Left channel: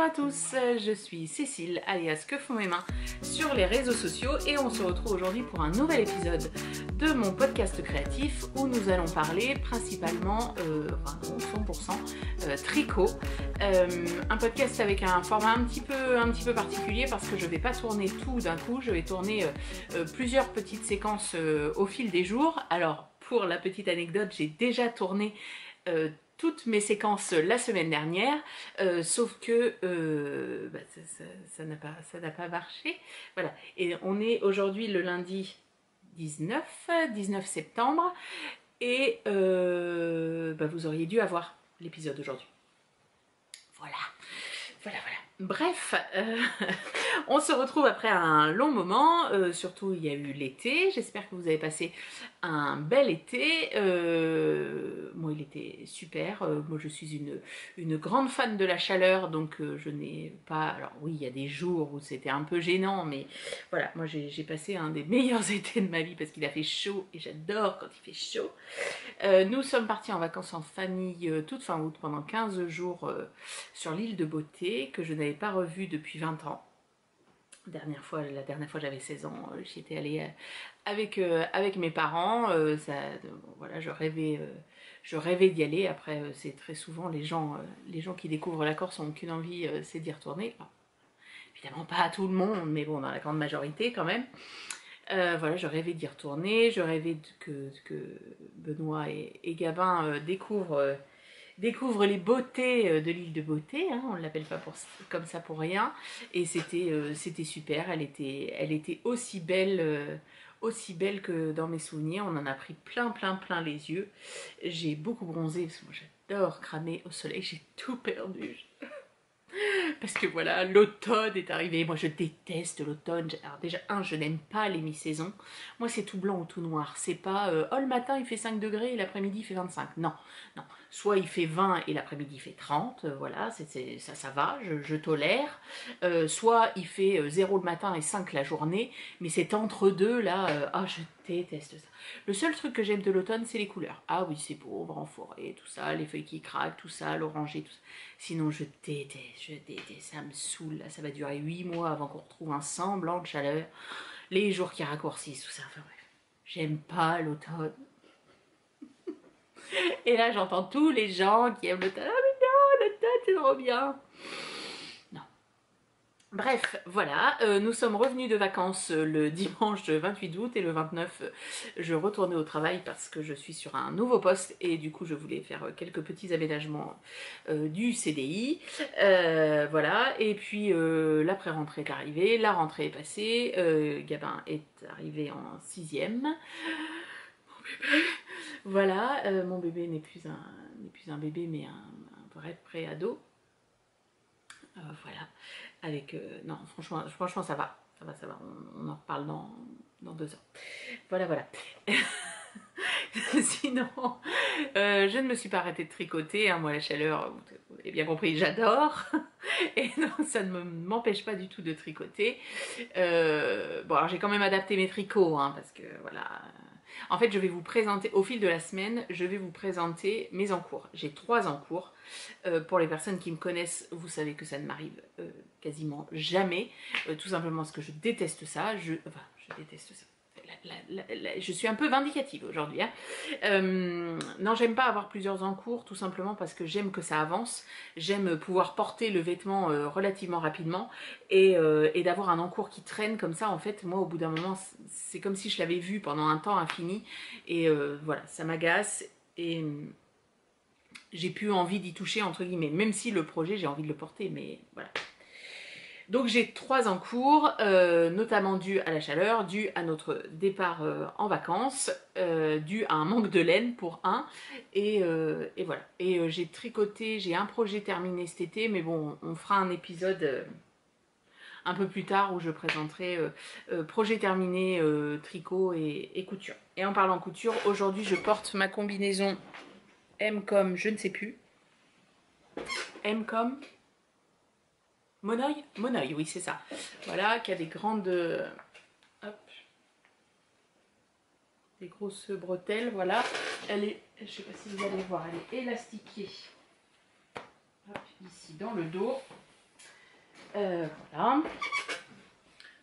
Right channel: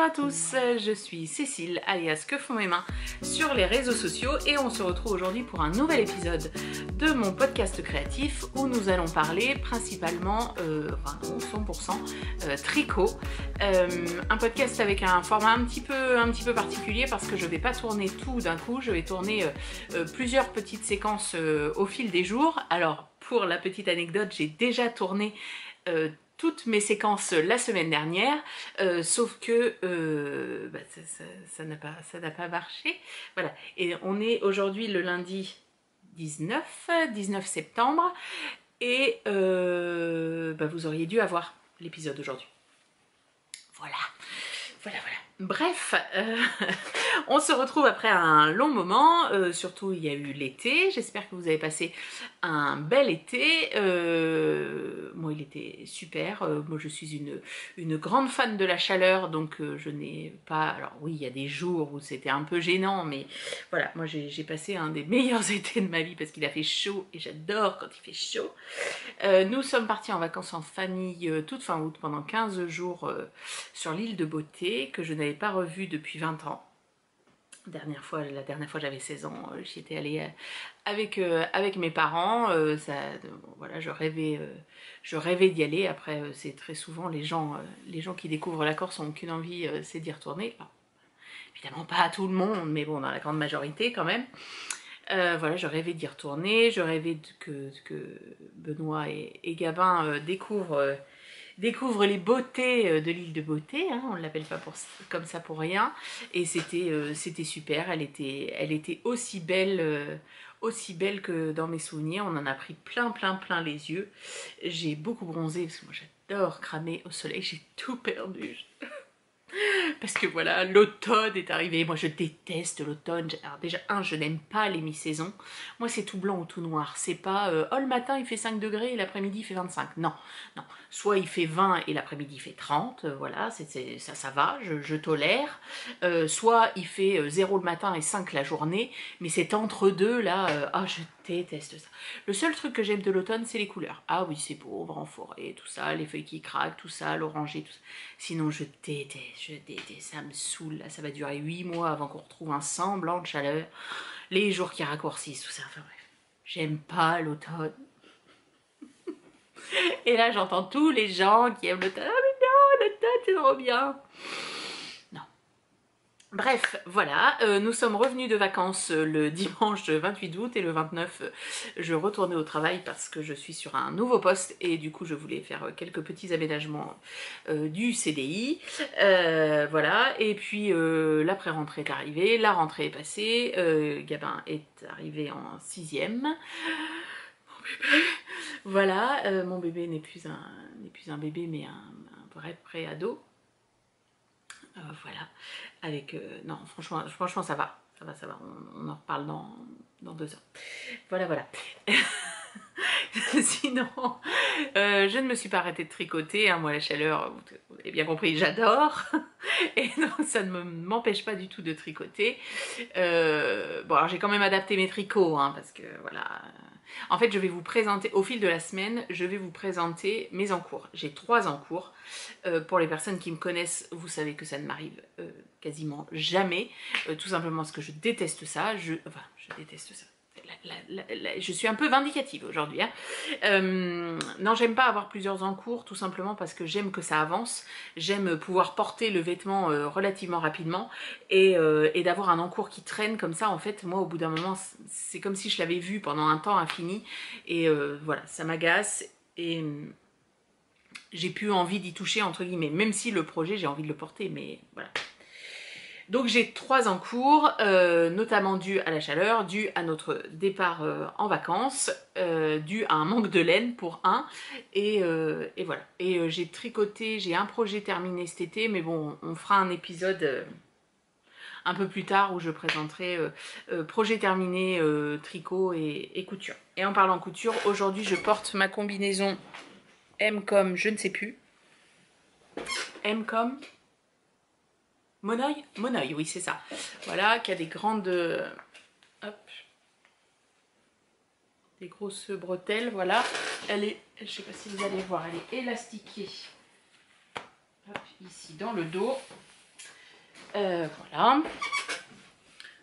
Bonjour à tous, je suis Cécile alias Que font mes mains sur les réseaux sociaux et on se retrouve aujourd'hui pour un nouvel épisode de mon podcast créatif où nous allons parler principalement, 100% tricot. Un podcast avec un format un petit peu particulier parce que je ne vais pas tourner tout d'un coup, je vais tourner plusieurs petites séquences au fil des jours. Alors pour la petite anecdote, j'ai déjà tourné toutes mes séquences la semaine dernière, sauf que ça n'a pas marché. Voilà. Et on est aujourd'hui le lundi 19 septembre et vous auriez dû avoir l'épisode aujourd'hui. Voilà. Bref, on se retrouve après un long moment, surtout il y a eu l'été, j'espère que vous avez passé un bel été, moi il était super, moi je suis une grande fan de la chaleur, donc je n'ai pas, alors oui il y a des jours où c'était un peu gênant, mais voilà, moi j'ai passé un des meilleurs étés de ma vie parce qu'il a fait chaud et j'adore quand il fait chaud. Nous sommes partis en vacances en famille toute fin août pendant 15 jours sur l'île de Beauté que je n'avais pas revue depuis 20 ans. La dernière fois j'avais 16 ans, j'y étais allée avec mes parents, voilà, je rêvais d'y aller. Après c'est très souvent les gens qui découvrent la Corse n'ont qu'une envie, c'est d'y retourner. Enfin, évidemment pas à tout le monde, mais bon, dans la grande majorité quand même. Voilà, je rêvais d'y retourner, je rêvais que Benoît et Gabin découvrent les beautés de l'île de Beauté, hein, on ne l'appelle pas comme ça pour rien, et c'était super, elle était aussi belle que dans mes souvenirs, on en a pris plein les yeux, j'ai beaucoup bronzé parce que moi j'adore cramer au soleil, j'ai tout perdu. Parce que voilà, l'automne est arrivé. Moi, je déteste l'automne. Alors déjà, je n'aime pas les mi-saisons. Moi, c'est tout blanc ou tout noir. C'est pas, le matin, il fait 5 degrés et l'après-midi, il fait 25. Non. Soit il fait 20 et l'après-midi, il fait 30. Voilà, ça va, je tolère. Soit il fait 0 le matin et 5 la journée. Mais c'est entre deux, là, je déteste ça. Le seul truc que j'aime de l'automne, c'est les couleurs. Ah oui, c'est beau, on va en forêt, tout ça, les feuilles qui craquent, tout ça, l'oranger, tout ça. Sinon, je déteste, ça me saoule. Là, ça va durer 8 mois avant qu'on retrouve un semblant de chaleur. Les jours qui raccourcissent, tout ça, enfin bref. J'aime pas l'automne. Et là, j'entends tous les gens qui aiment l'automne. Ah mais non, l'automne, c'est trop bien. Non. Bref, voilà, nous sommes revenus de vacances le dimanche 28 août et le 29, je retournais au travail parce que je suis sur un nouveau poste et du coup je voulais faire quelques petits aménagements du CDI, voilà, et puis l'après-rentrée est arrivée, la rentrée est passée, Gabin est arrivé en 6e, mon bébé, voilà, mon bébé n'est plus un bébé mais un vrai pré-ado. Voilà, avec non, franchement ça va, on en reparle dans 2 ans. Voilà. Sinon, je ne me suis pas arrêtée de tricoter, hein. Moi la chaleur, vous avez bien compris, j'adore. Et donc ça ne m'empêche pas du tout de tricoter. Bon alors j'ai quand même adapté mes tricots, hein, parce que voilà. En fait je vais vous présenter, au fil de la semaine, je vais vous présenter mes encours. J'ai 3 encours. Pour les personnes qui me connaissent, vous savez que ça ne m'arrive quasiment jamais. Tout simplement parce que je déteste ça. Je déteste ça. Je suis un peu vindicative aujourd'hui, hein. Non, j'aime pas avoir plusieurs encours, tout simplement parce que j'aime que ça avance, j'aime pouvoir porter le vêtement relativement rapidement et d'avoir un encours qui traîne comme ça. En fait, moi au bout d'un moment, c'est comme si je l'avais vu pendant un temps infini et voilà, ça m'agace et j'ai plus envie d'y toucher entre guillemets, même si le projet j'ai envie de le porter, mais voilà. Donc j'ai 3 en cours, notamment dû à la chaleur, dû à notre départ en vacances, dû à un manque de laine pour un, et voilà. Et j'ai tricoté, j'ai un projet terminé cet été, mais bon, on fera un épisode un peu plus tard où je présenterai projet terminé, tricot et couture. Et en parlant couture, aujourd'hui je porte ma combinaison M comme je ne sais plus, M comme Monoï, oui c'est ça. Voilà, qui a des grandes, hop, des grosses bretelles, voilà. Elle est, je sais pas si vous allez voir, elle est élastiquée. Hop, ici dans le dos. Voilà.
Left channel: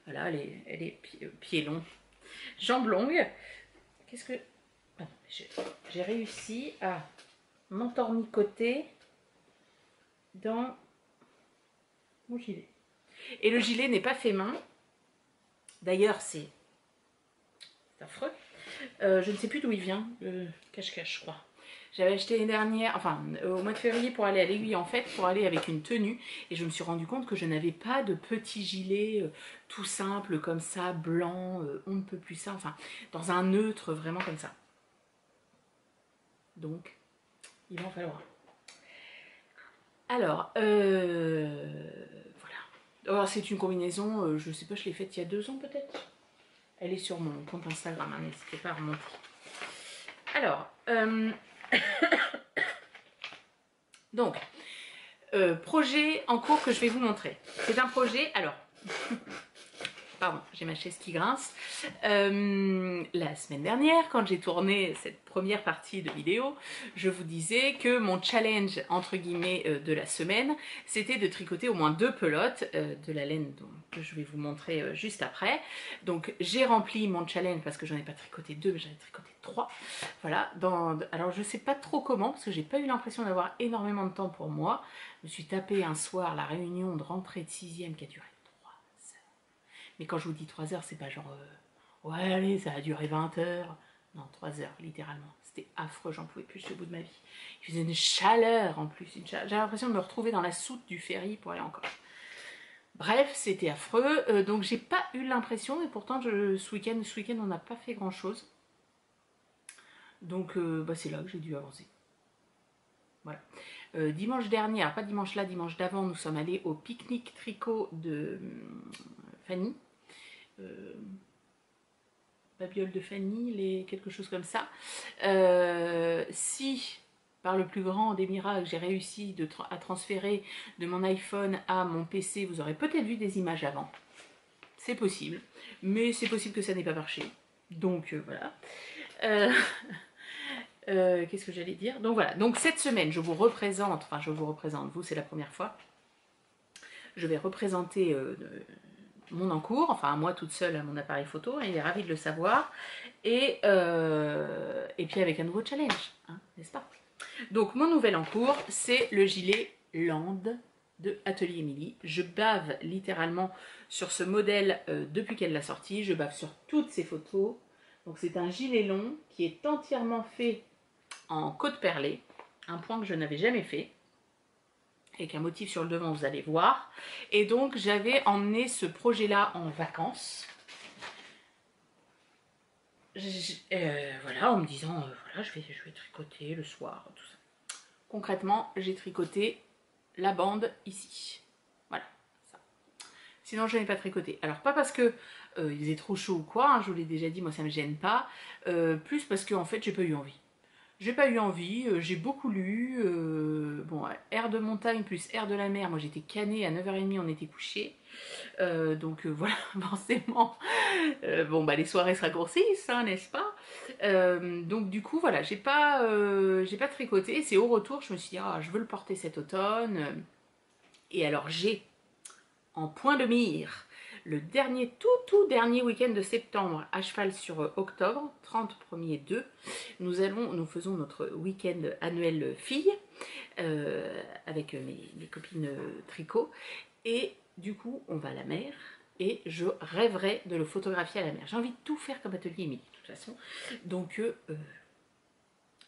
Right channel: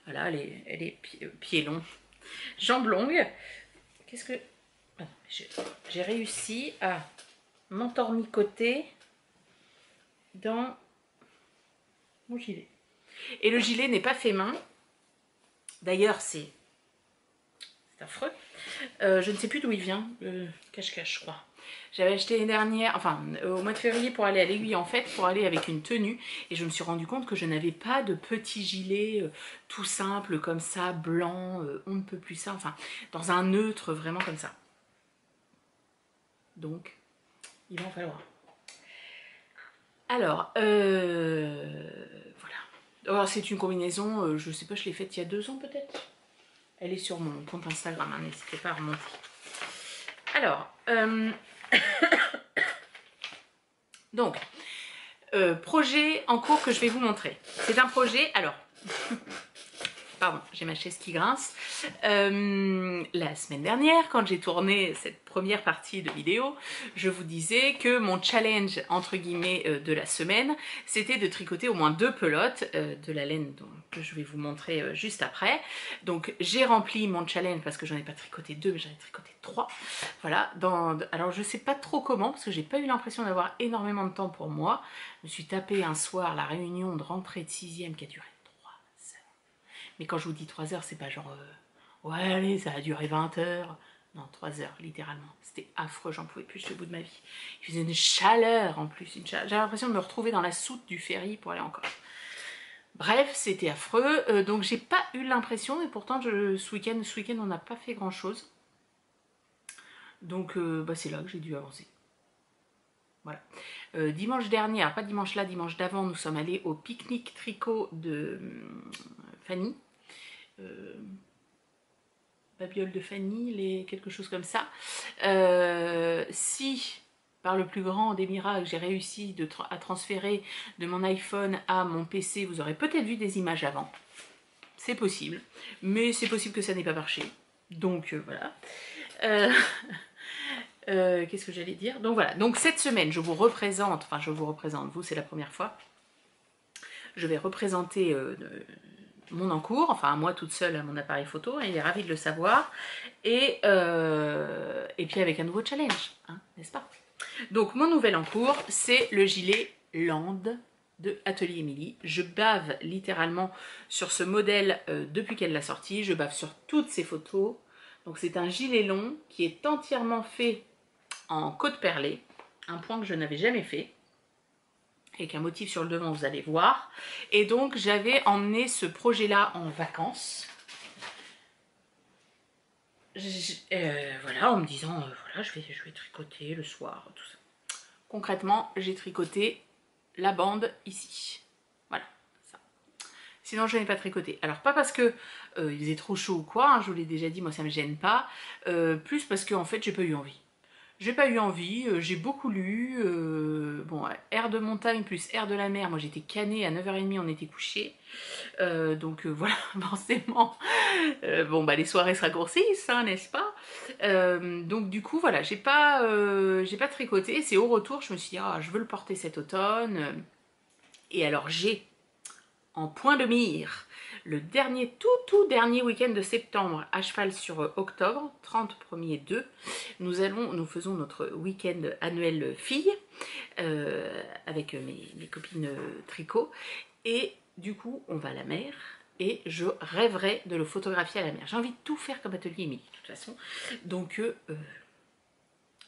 Voilà, elle est pieds longs, jambes longues. Qu'est-ce que... J'ai réussi à m'entornicoter dans mon gilet. Et le gilet n'est pas fait main. D'ailleurs, c'est affreux. Je ne sais plus d'où il vient, cache-cache, je crois. J'avais acheté l'année dernière, enfin au mois de février pour aller à l'Aiguille en fait, pour aller avec une tenue. Et je me suis rendu compte que je n'avais pas de petit gilet tout simple comme ça, blanc, on ne peut plus ça, enfin dans un neutre vraiment comme ça. Donc, il va en falloir. Alors, voilà. Alors c'est une combinaison, je sais pas, je l'ai faite il y a 2 ans peut-être. Elle est sur mon compte Instagram, hein, n'hésitez pas à remonter. Alors, donc, projet en cours que je vais vous montrer. C'est un projet, alors, pardon, j'ai ma chaise qui grince. La semaine dernière, quand j'ai tourné cette première partie de vidéo, je vous disais que mon challenge, entre guillemets, de la semaine, c'était de tricoter au moins 2 pelotes de la laine que je vais vous montrer juste après. Donc, j'ai rempli mon challenge parce que j'en ai pas tricoté 2, mais j'en ai tricoté 3. Voilà. Alors, je sais pas trop comment, parce que j'ai pas eu l'impression d'avoir énormément de temps pour moi. Je me suis tapé un soir la réunion de rentrée de 6e qui a duré. Mais quand je vous dis 3 heures, c'est pas genre ouais, allez, ça a duré 20 heures. Non, 3 heures, littéralement. C'était affreux, j'en pouvais plus, j'étais au bout de ma vie. Il faisait une chaleur en plus. J'avais l'impression de me retrouver dans la soute du ferry pour aller encore. Bref, c'était affreux. Donc, j'ai pas eu l'impression, et pourtant, ce week-end, on n'a pas fait grand-chose. Donc, c'est là que j'ai dû avancer. Voilà. Dimanche dernier, alors pas dimanche là, dimanche d'avant, nous sommes allés au pique-nique tricot de Fanny. Babiole de Fanny, quelque chose comme ça. Si par le plus grand des miracles j'ai réussi à transférer de mon iPhone à mon PC, vous aurez peut-être vu des images avant. C'est possible, mais c'est possible que ça n'ait pas marché. Donc voilà. Qu'est-ce que j'allais dire? Donc voilà, donc cette semaine je vous représente, vous c'est la première fois, je vais représenter mon encours, enfin moi toute seule à mon appareil photo, hein, il est ravi de le savoir, et puis avec un nouveau challenge, hein, n'est-ce pas? Donc mon nouvel encours, c'est le gilet Land de Atelier Émilie. Je bave littéralement sur ce modèle depuis qu'elle l'a sorti, je bave sur toutes ses photos. Donc c'est un gilet long qui est entièrement fait en côte perlée, un point que je n'avais jamais fait, avec un motif sur le devant, vous allez voir. Et donc, j'avais emmené ce projet-là en vacances. Voilà, en me disant, voilà, je vais tricoter le soir, tout ça. Concrètement, j'ai tricoté la bande ici. Voilà, ça. Sinon, je n'ai pas tricoté. Alors, pas parce que il faisait trop chaud ou quoi, hein, je vous l'ai déjà dit, moi, ça ne me gêne pas. Plus parce qu'en fait, j'ai pas eu envie. J'ai pas eu envie, j'ai beaucoup lu, bon, air de montagne plus air de la mer, moi j'étais canée, à 9h30 on était couchés, donc voilà, forcément, bon bah les soirées se raccourcissent, hein, n'est-ce pas? Donc du coup voilà, j'ai pas tricoté, c'est au retour, je me suis dit, ah, je veux le porter cet automne, et alors j'ai en point de mire le tout dernier week-end de septembre, à cheval sur octobre, 30, 1er, 2, nous faisons notre week-end annuel filles avec mes copines tricot, et du coup on va à la mer et je rêverais de le photographier à la mer. J'ai envie de tout faire comme Atelier Émilie de toute façon, donc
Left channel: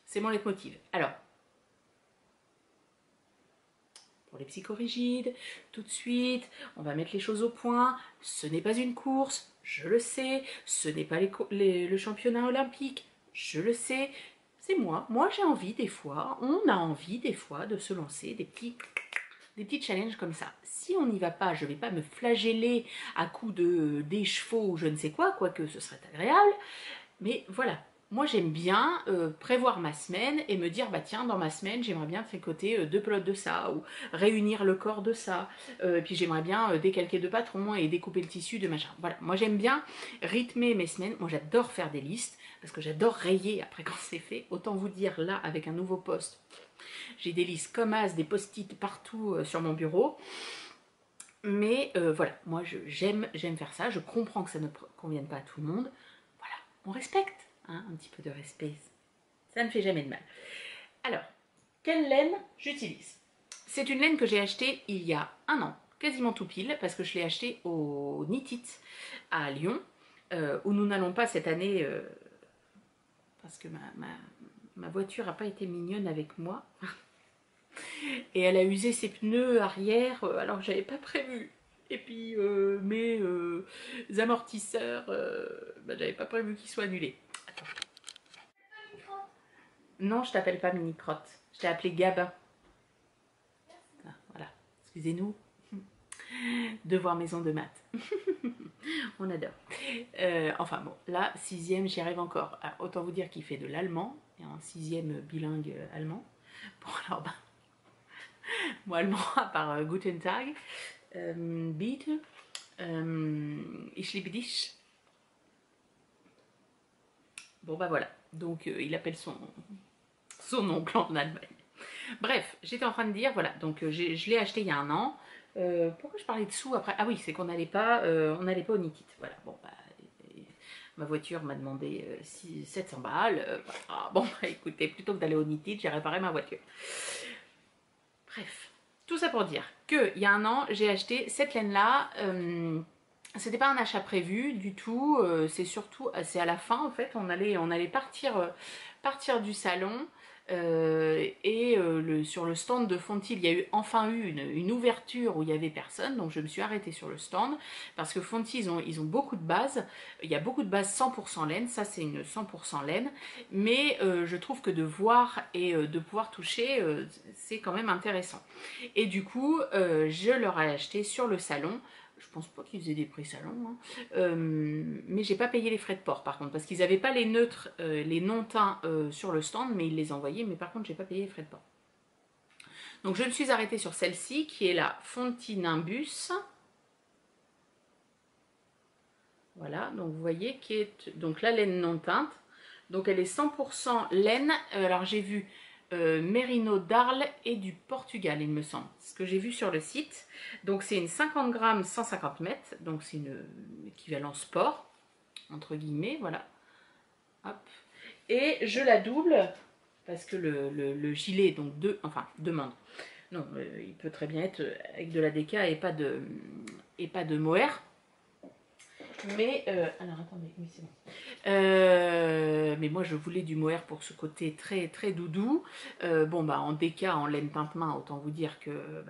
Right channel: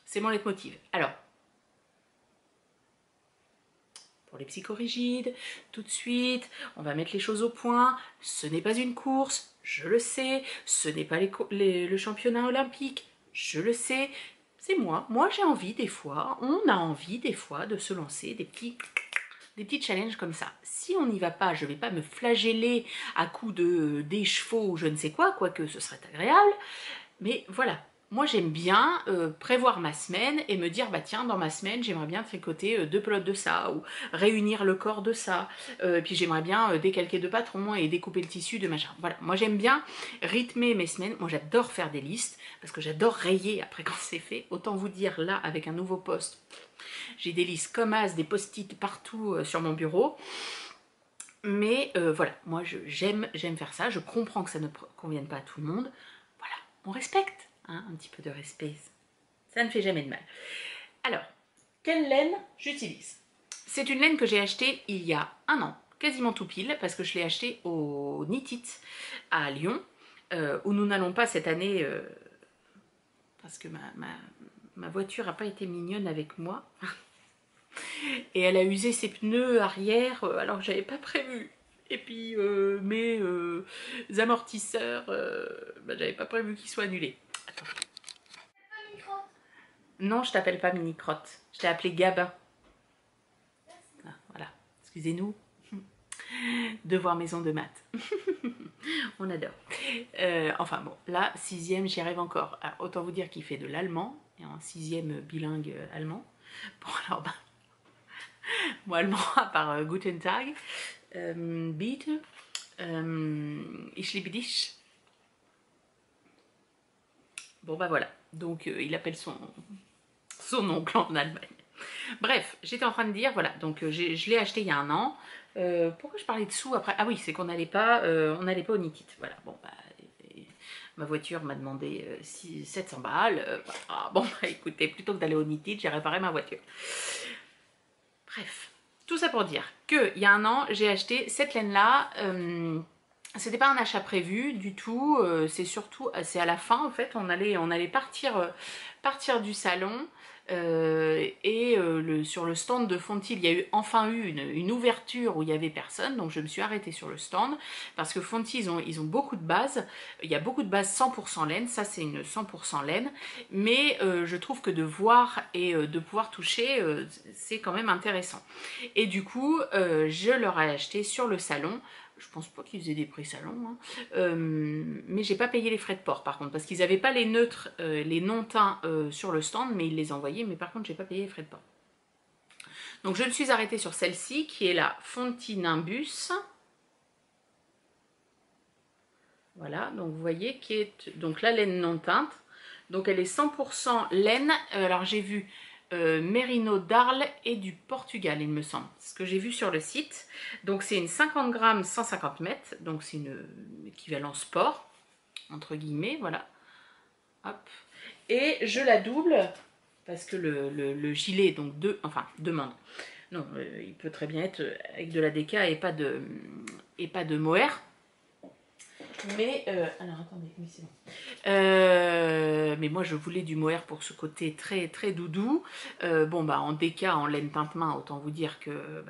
c'est mon leitmotiv. Alors, pour les psychorigides, tout de suite, on va mettre les choses au point. Ce n'est pas une course, je le sais. Ce n'est pas le championnat olympique, je le sais. C'est moi. Moi, j'ai envie des fois, on a envie des fois de se lancer des petits challenges comme ça. Si on n'y va pas, je ne vais pas me flageller à coups d'écheveau ou je ne sais quoi, quoique ce serait agréable. Mais voilà. Moi, j'aime bien prévoir ma semaine et me dire, bah tiens, dans ma semaine, j'aimerais bien tricoter 2 pelotes de ça, ou réunir le corps de ça, puis j'aimerais bien décalquer 2 patrons et découper le tissu de machin. Voilà, moi j'aime bien rythmer mes semaines. Moi, j'adore faire des listes, parce que j'adore rayer après quand c'est fait. Autant vous dire, là, avec un nouveau post, j'ai des listes comme as, des post-it partout sur mon bureau. Mais voilà, moi j'aime faire ça, je comprends que ça ne convienne pas à tout le monde. Voilà, on respecte, hein, un petit peu de respect, ça ne fait jamais de mal. Alors, quelle laine j'utilise? C'est une laine que j'ai achetée il y a un an, quasiment tout pile, parce que je l'ai achetée au Knit It à Lyon, où nous n'allons pas cette année, parce que ma voiture n'a pas été mignonne avec moi. Et elle a usé ses pneus arrière alors que j'avais pas prévu. Et puis mes amortisseurs, j'avais pas prévu qu'ils soient annulés. Attends. Non, je t'appelle pas Mini Crotte. Je t'ai appelé Gabin. Ah, voilà. Excusez-nous. Devoir maison de maths. On adore. Enfin bon, là, 6e, j'y arrive encore. Alors, autant vous dire qu'il fait de l'allemand, et en 6e bilingue allemand. Bon, alors, moi, allemand, à part Guten Tag, bitte, ich liebe dich. Bon, bah voilà. Donc, il appelle son oncle en Allemagne. Bref, j'étais en train de dire, voilà, donc je l'ai acheté il y a un an. Pourquoi je parlais de sous après? Ah oui, c'est qu'on n'allait pas au Knit It. Voilà, bon, bah, ma voiture m'a demandé 700 balles. Voilà. Bon, bah, écoutez, plutôt que d'aller au Knit It, j'ai réparé ma voiture. Bref, tout ça pour dire qu'il y a un an, j'ai acheté cette laine-là. C'était pas un achat prévu du tout. C'est à la fin, en fait, on allait partir du salon. Sur le stand de Fonty, il y a enfin eu une ouverture où il n'y avait personne, donc je me suis arrêtée sur le stand parce que Fonty, ils ont beaucoup de bases. Il y a beaucoup de bases 100% laine, ça c'est une 100% laine, mais je trouve que de voir et de pouvoir toucher, c'est quand même intéressant. Et du coup, je leur ai acheté sur le salon. Je pense pas qu'ils faisaient des prix salon, hein. Mais j'ai pas payé les frais de port par contre, parce qu'ils n'avaient pas les neutres, les non-teints sur le stand, mais ils les envoyaient, mais par contre j'ai pas payé les frais de port. Donc je me suis arrêtée sur celle-ci, qui est la Fonty Nimbus. Voilà, donc vous voyez, qui est donc la laine non teinte. Donc elle est 100% laine, alors j'ai vu Merino d'Arles et du Portugal, il me semble, ce que j'ai vu sur le site. Donc c'est une 50 grammes 150 mètres, donc c'est une équivalent sport, entre guillemets, voilà. Hop. Et je la double, parce que le gilet, donc demande. Non, il peut très bien être avec de la DK et pas de mohair. Mais, alors attendez, oui c'est bon. Mais moi je voulais du mohair pour ce côté très très doudou. Bon bah en DK, en laine teinte main, autant vous dire que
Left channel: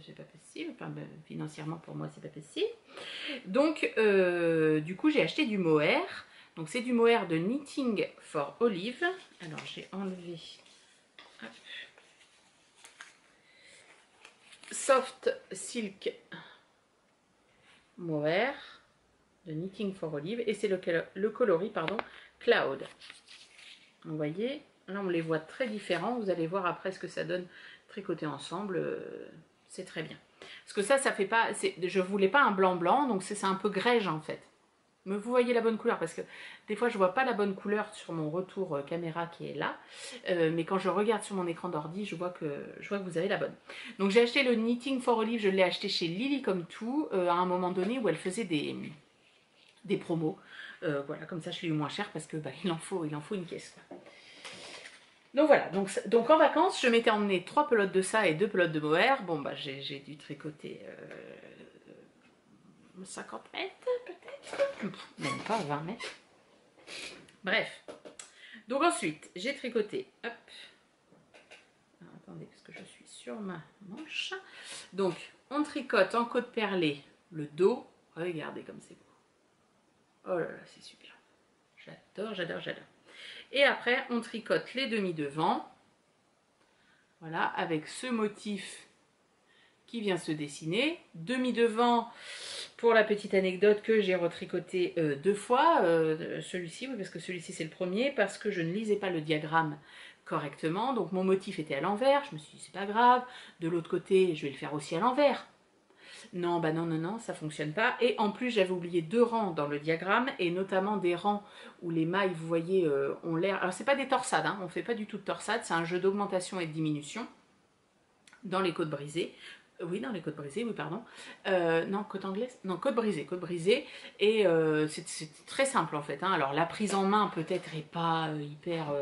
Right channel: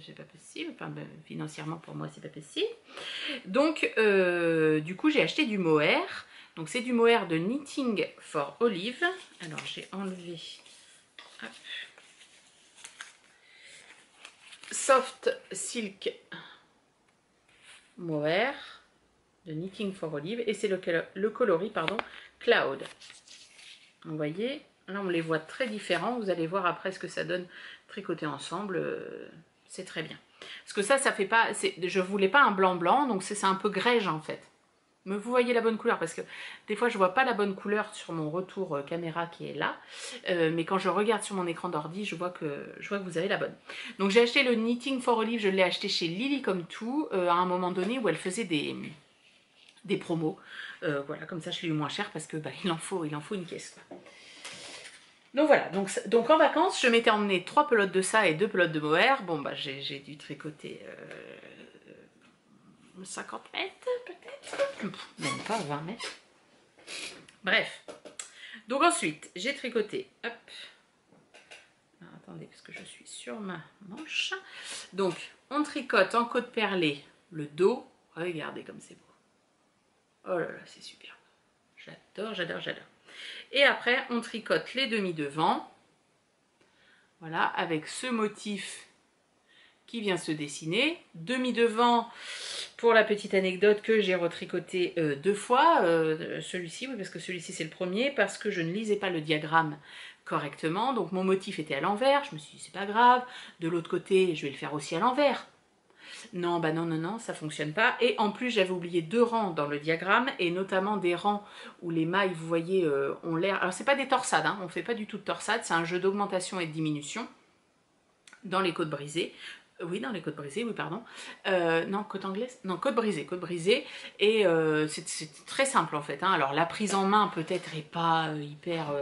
c'est pas possible. Enfin, financièrement pour moi c'est pas possible. Donc du coup j'ai acheté du mohair. Donc c'est du mohair de Knitting for Olive. Alors j'ai enlevé. Hop. Soft Silk mohair de Knitting for Olive, et c'est le coloris pardon, Cloud. Vous voyez, là on les voit très différents, vous allez voir après ce que ça donne tricoté ensemble, c'est très bien. Parce que ça fait pas, je voulais pas un blanc, donc c'est un peu grège en fait. Mais vous voyez la bonne couleur, parce que des fois je vois pas la bonne couleur sur mon retour caméra qui est là, mais quand je regarde sur mon écran d'ordi, je vois que vous avez la bonne. Donc j'ai acheté le Knitting for Olive, je l'ai acheté chez Lily Comme Tout, à un moment donné où elle faisait des promos. Voilà, comme ça je l'ai eu moins cher parce que il en faut une caisse. Quoi. Donc voilà, donc en vacances, je m'étais emmené 3 pelotes de ça et 2 pelotes de mohair. Bon bah j'ai dû tricoter 50 mètres peut-être, même pas 20 mètres. Bref, donc ensuite j'ai tricoté, hop. Alors, attendez parce que je suis sur ma manche. Donc on tricote en côte perlée le dos. Regardez comme c'est beau. Oh là là, c'est super. J'adore, j'adore, j'adore. Et après, on tricote les demi-devants. Voilà, avec ce motif qui vient se dessiner. Demi-devant, pour la petite anecdote, que j'ai retricoté 2 fois. Celui-ci, oui, parce que celui-ci c'est le premier, parce que je ne lisais pas le diagramme correctement. Donc mon motif était à l'envers. Je me suis dit, c'est pas grave. De l'autre côté, je vais le faire aussi à l'envers. Non, bah non, ça fonctionne pas. Et en plus, j'avais oublié 2 rangs dans le diagramme, et notamment des rangs où les mailles, vous voyez, ont l'air... Alors, c'est pas des torsades, hein, on fait pas du tout de torsade, c'est un jeu d'augmentation et de diminution dans les côtes brisées. Oui, dans les côtes brisées, oui, pardon. Non, côte anglaise. Non, côte brisée, côte brisée. Et c'est très simple en fait, hein. Alors la prise en main peut-être est pas hyper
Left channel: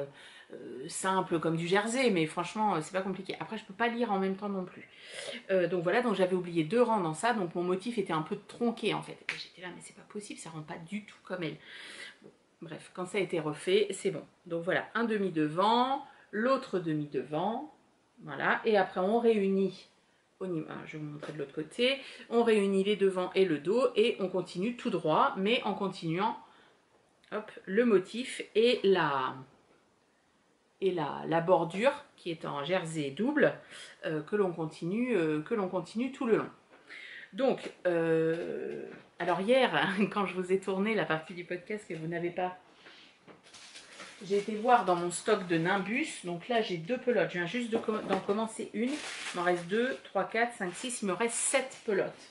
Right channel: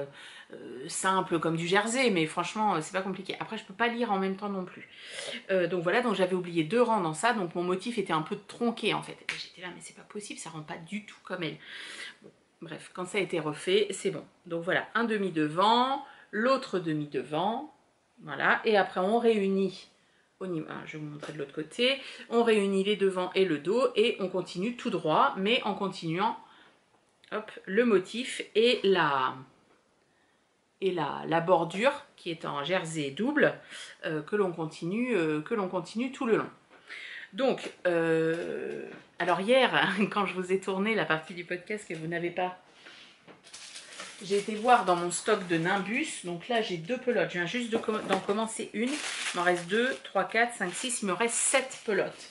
simple comme du jersey, mais franchement c'est pas compliqué. Après je peux pas lire en même temps non plus. Donc voilà, donc j'avais oublié 2 rangs dans ça, donc mon motif était un peu tronqué en fait. Et j'étais là, mais c'est pas possible, ça rend pas du tout comme elle. Bon, bref, quand ça a été refait, c'est bon. Donc voilà, un demi devant, l'autre demi devant, voilà. Et après on réunit, je vais vous montrer de l'autre côté, on réunit les devants et le dos et on continue tout droit, mais en continuant, hop, le motif et la bordure qui est en jersey double que l'on continue tout le long. Donc, alors hier, quand je vous ai tourné la partie du podcast que vous n'avez pas, j'ai été voir dans mon stock de Nimbus. Donc là, j'ai 2 pelotes. Je viens juste d'en commencer une. Il m'en reste 2, 3, 4, 5, 6. Il me reste 7 pelotes.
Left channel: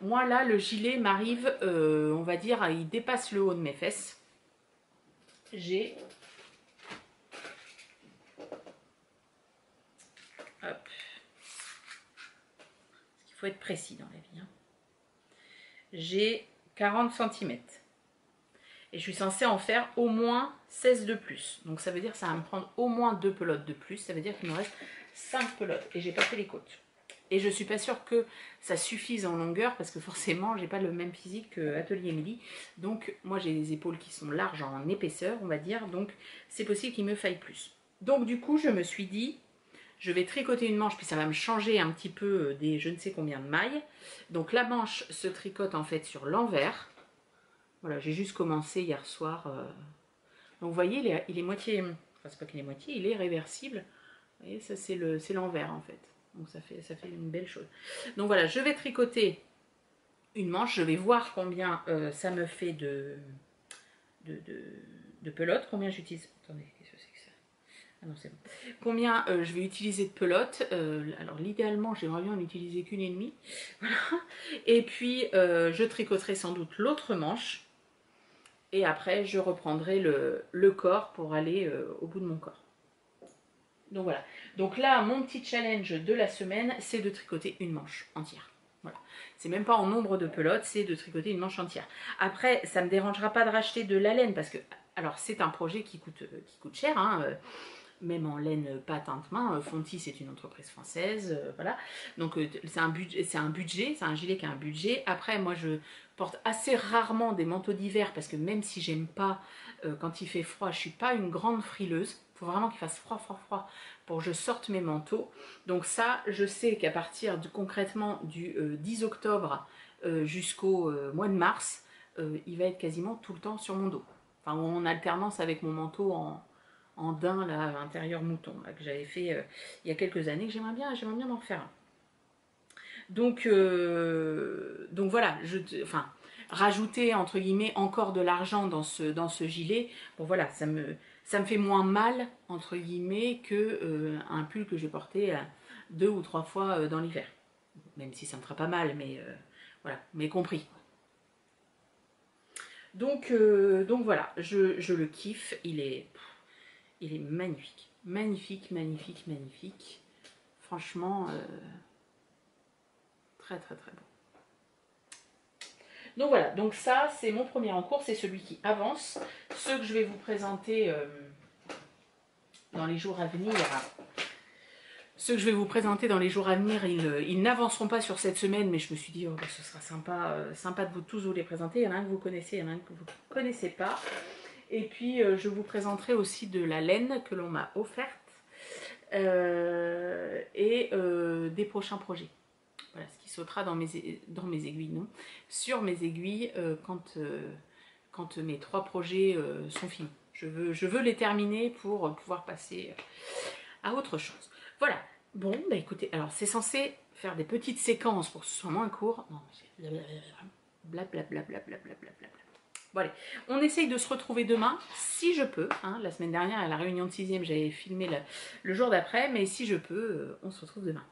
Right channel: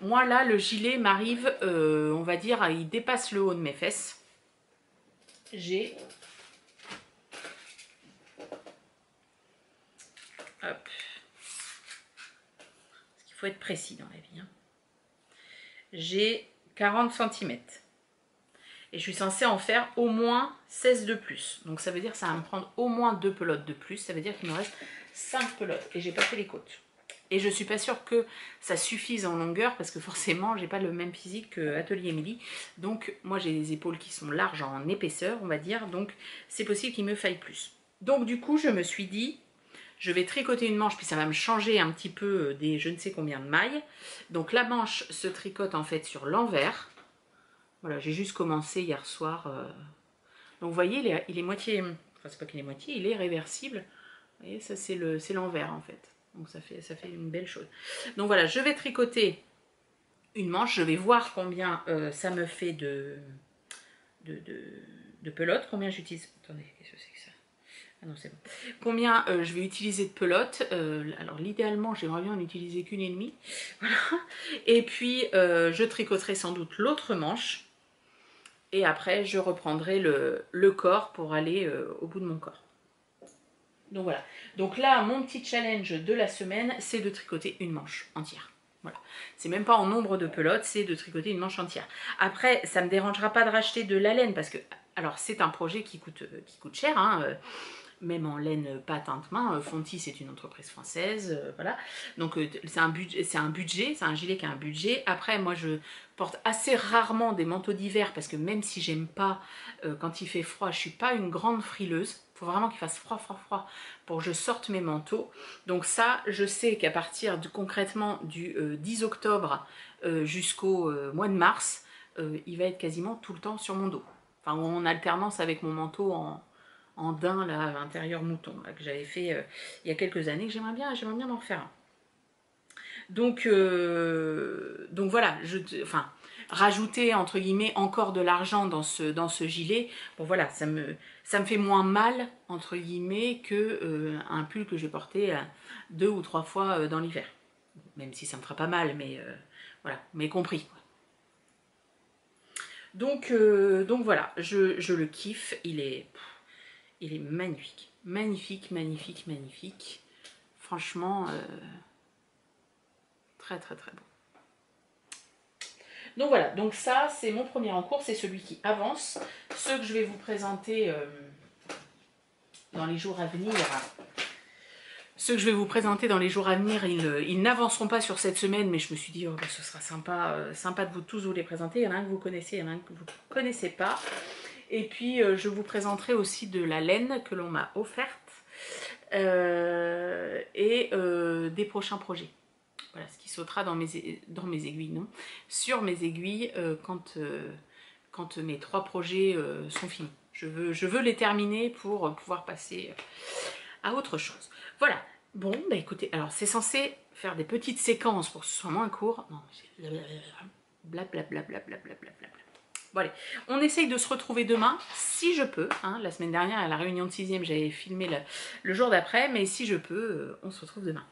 Moi, là, le gilet m'arrive, on va dire, il dépasse le haut de mes fesses. J'ai... Hop. Parce qu'il faut être précis dans la vie. Hein. J'ai 40 cm. Et je suis censée en faire au moins 16 de plus. Donc ça veut dire que ça va me prendre au moins 2 pelotes de plus. Ça veut dire qu'il me reste 5 pelotes. Et j'ai pas fait les côtes. Et je suis pas sûre que ça suffise en longueur. Parce que forcément, j'ai pas le même physique que Atelier Émilie. Donc moi, j'ai des épaules qui sont larges en épaisseur, on va dire. Donc c'est possible qu'il me faille plus. Donc du coup, je me suis dit... Je vais tricoter une manche, puis ça va me changer un petit peu des je ne sais combien de mailles. Donc la manche se tricote en fait sur l'envers. Voilà, j'ai juste commencé hier soir. Donc vous voyez, il est moitié... Enfin, c'est pas qu'il est moitié, il est réversible. Vous voyez, ça c'est l'envers en fait. Donc ça fait une belle chose. Donc voilà, je vais tricoter une manche. Je vais voir combien ça me fait de pelotes. Combien j'utilise... Attendez, qu'est-ce que c'est que ça? Ah non, c'est bon. Combien je vais utiliser de pelotes. Alors l'idéalement, j'aimerais bien en utiliser qu'une et demie. Voilà. Et puis je tricoterai sans doute l'autre manche. Et après, je reprendrai le corps pour aller au bout de mon corps. Donc voilà. Donc là, mon petit challenge de la semaine, c'est de tricoter une manche entière. Voilà. C'est même pas en nombre de pelotes, c'est de tricoter une manche entière. Après, ça ne me dérangera pas de racheter de la laine parce que, alors c'est un projet qui coûte cher, hein, même en laine pas teinte main. Fonty, c'est une entreprise française, voilà. Donc c'est un budget, c'est un gilet qui a un budget. Après, moi je porte assez rarement des manteaux d'hiver parce que même si j'aime pas quand il fait froid, je suis pas une grande frileuse. Il faut vraiment qu'il fasse froid pour que je sorte mes manteaux. Donc ça, je sais qu'à partir concrètement du 10 octobre jusqu'au mois de mars, il va être quasiment tout le temps sur mon dos. Enfin, en alternance avec mon manteau en daim, là, intérieur mouton, là, que j'avais fait il y a quelques années, que j'aimerais bien en faire un. Donc voilà, rajouter entre guillemets encore de l'argent dans ce gilet, bon voilà, ça me fait moins mal entre guillemets que un pull que j'ai porté 2 ou 3 fois dans l'hiver. Même si ça me fera pas mal, mais voilà, mais compris. Donc voilà, je le kiffe, il est magnifique. Magnifique, magnifique, magnifique. Franchement, très très très beau. Donc voilà, donc ça c'est mon premier en cours, c'est celui qui avance. Ceux que je vais vous présenter dans les jours à venir, ils n'avanceront pas sur cette semaine, mais je me suis dit, oh, bah, ce sera sympa de vous tous vous les présenter. Il y en a un que vous connaissez, il y en a un que vous ne connaissez pas. Et puis je vous présenterai aussi de la laine que l'on m'a offerte et des prochains projets. Voilà, ce qui sautera dans mes aiguilles, non, sur mes aiguilles quand mes 3 projets sont finis. Je veux les terminer pour pouvoir passer à autre chose. Voilà. Bon, bah écoutez, alors c'est censé faire des petites séquences pour que ce soit moins court. Non, blablabla. Bon allez, on essaye de se retrouver demain, si je peux. Hein, la semaine dernière, à la réunion de 6e, j'avais filmé le jour d'après, mais si je peux, on se retrouve demain.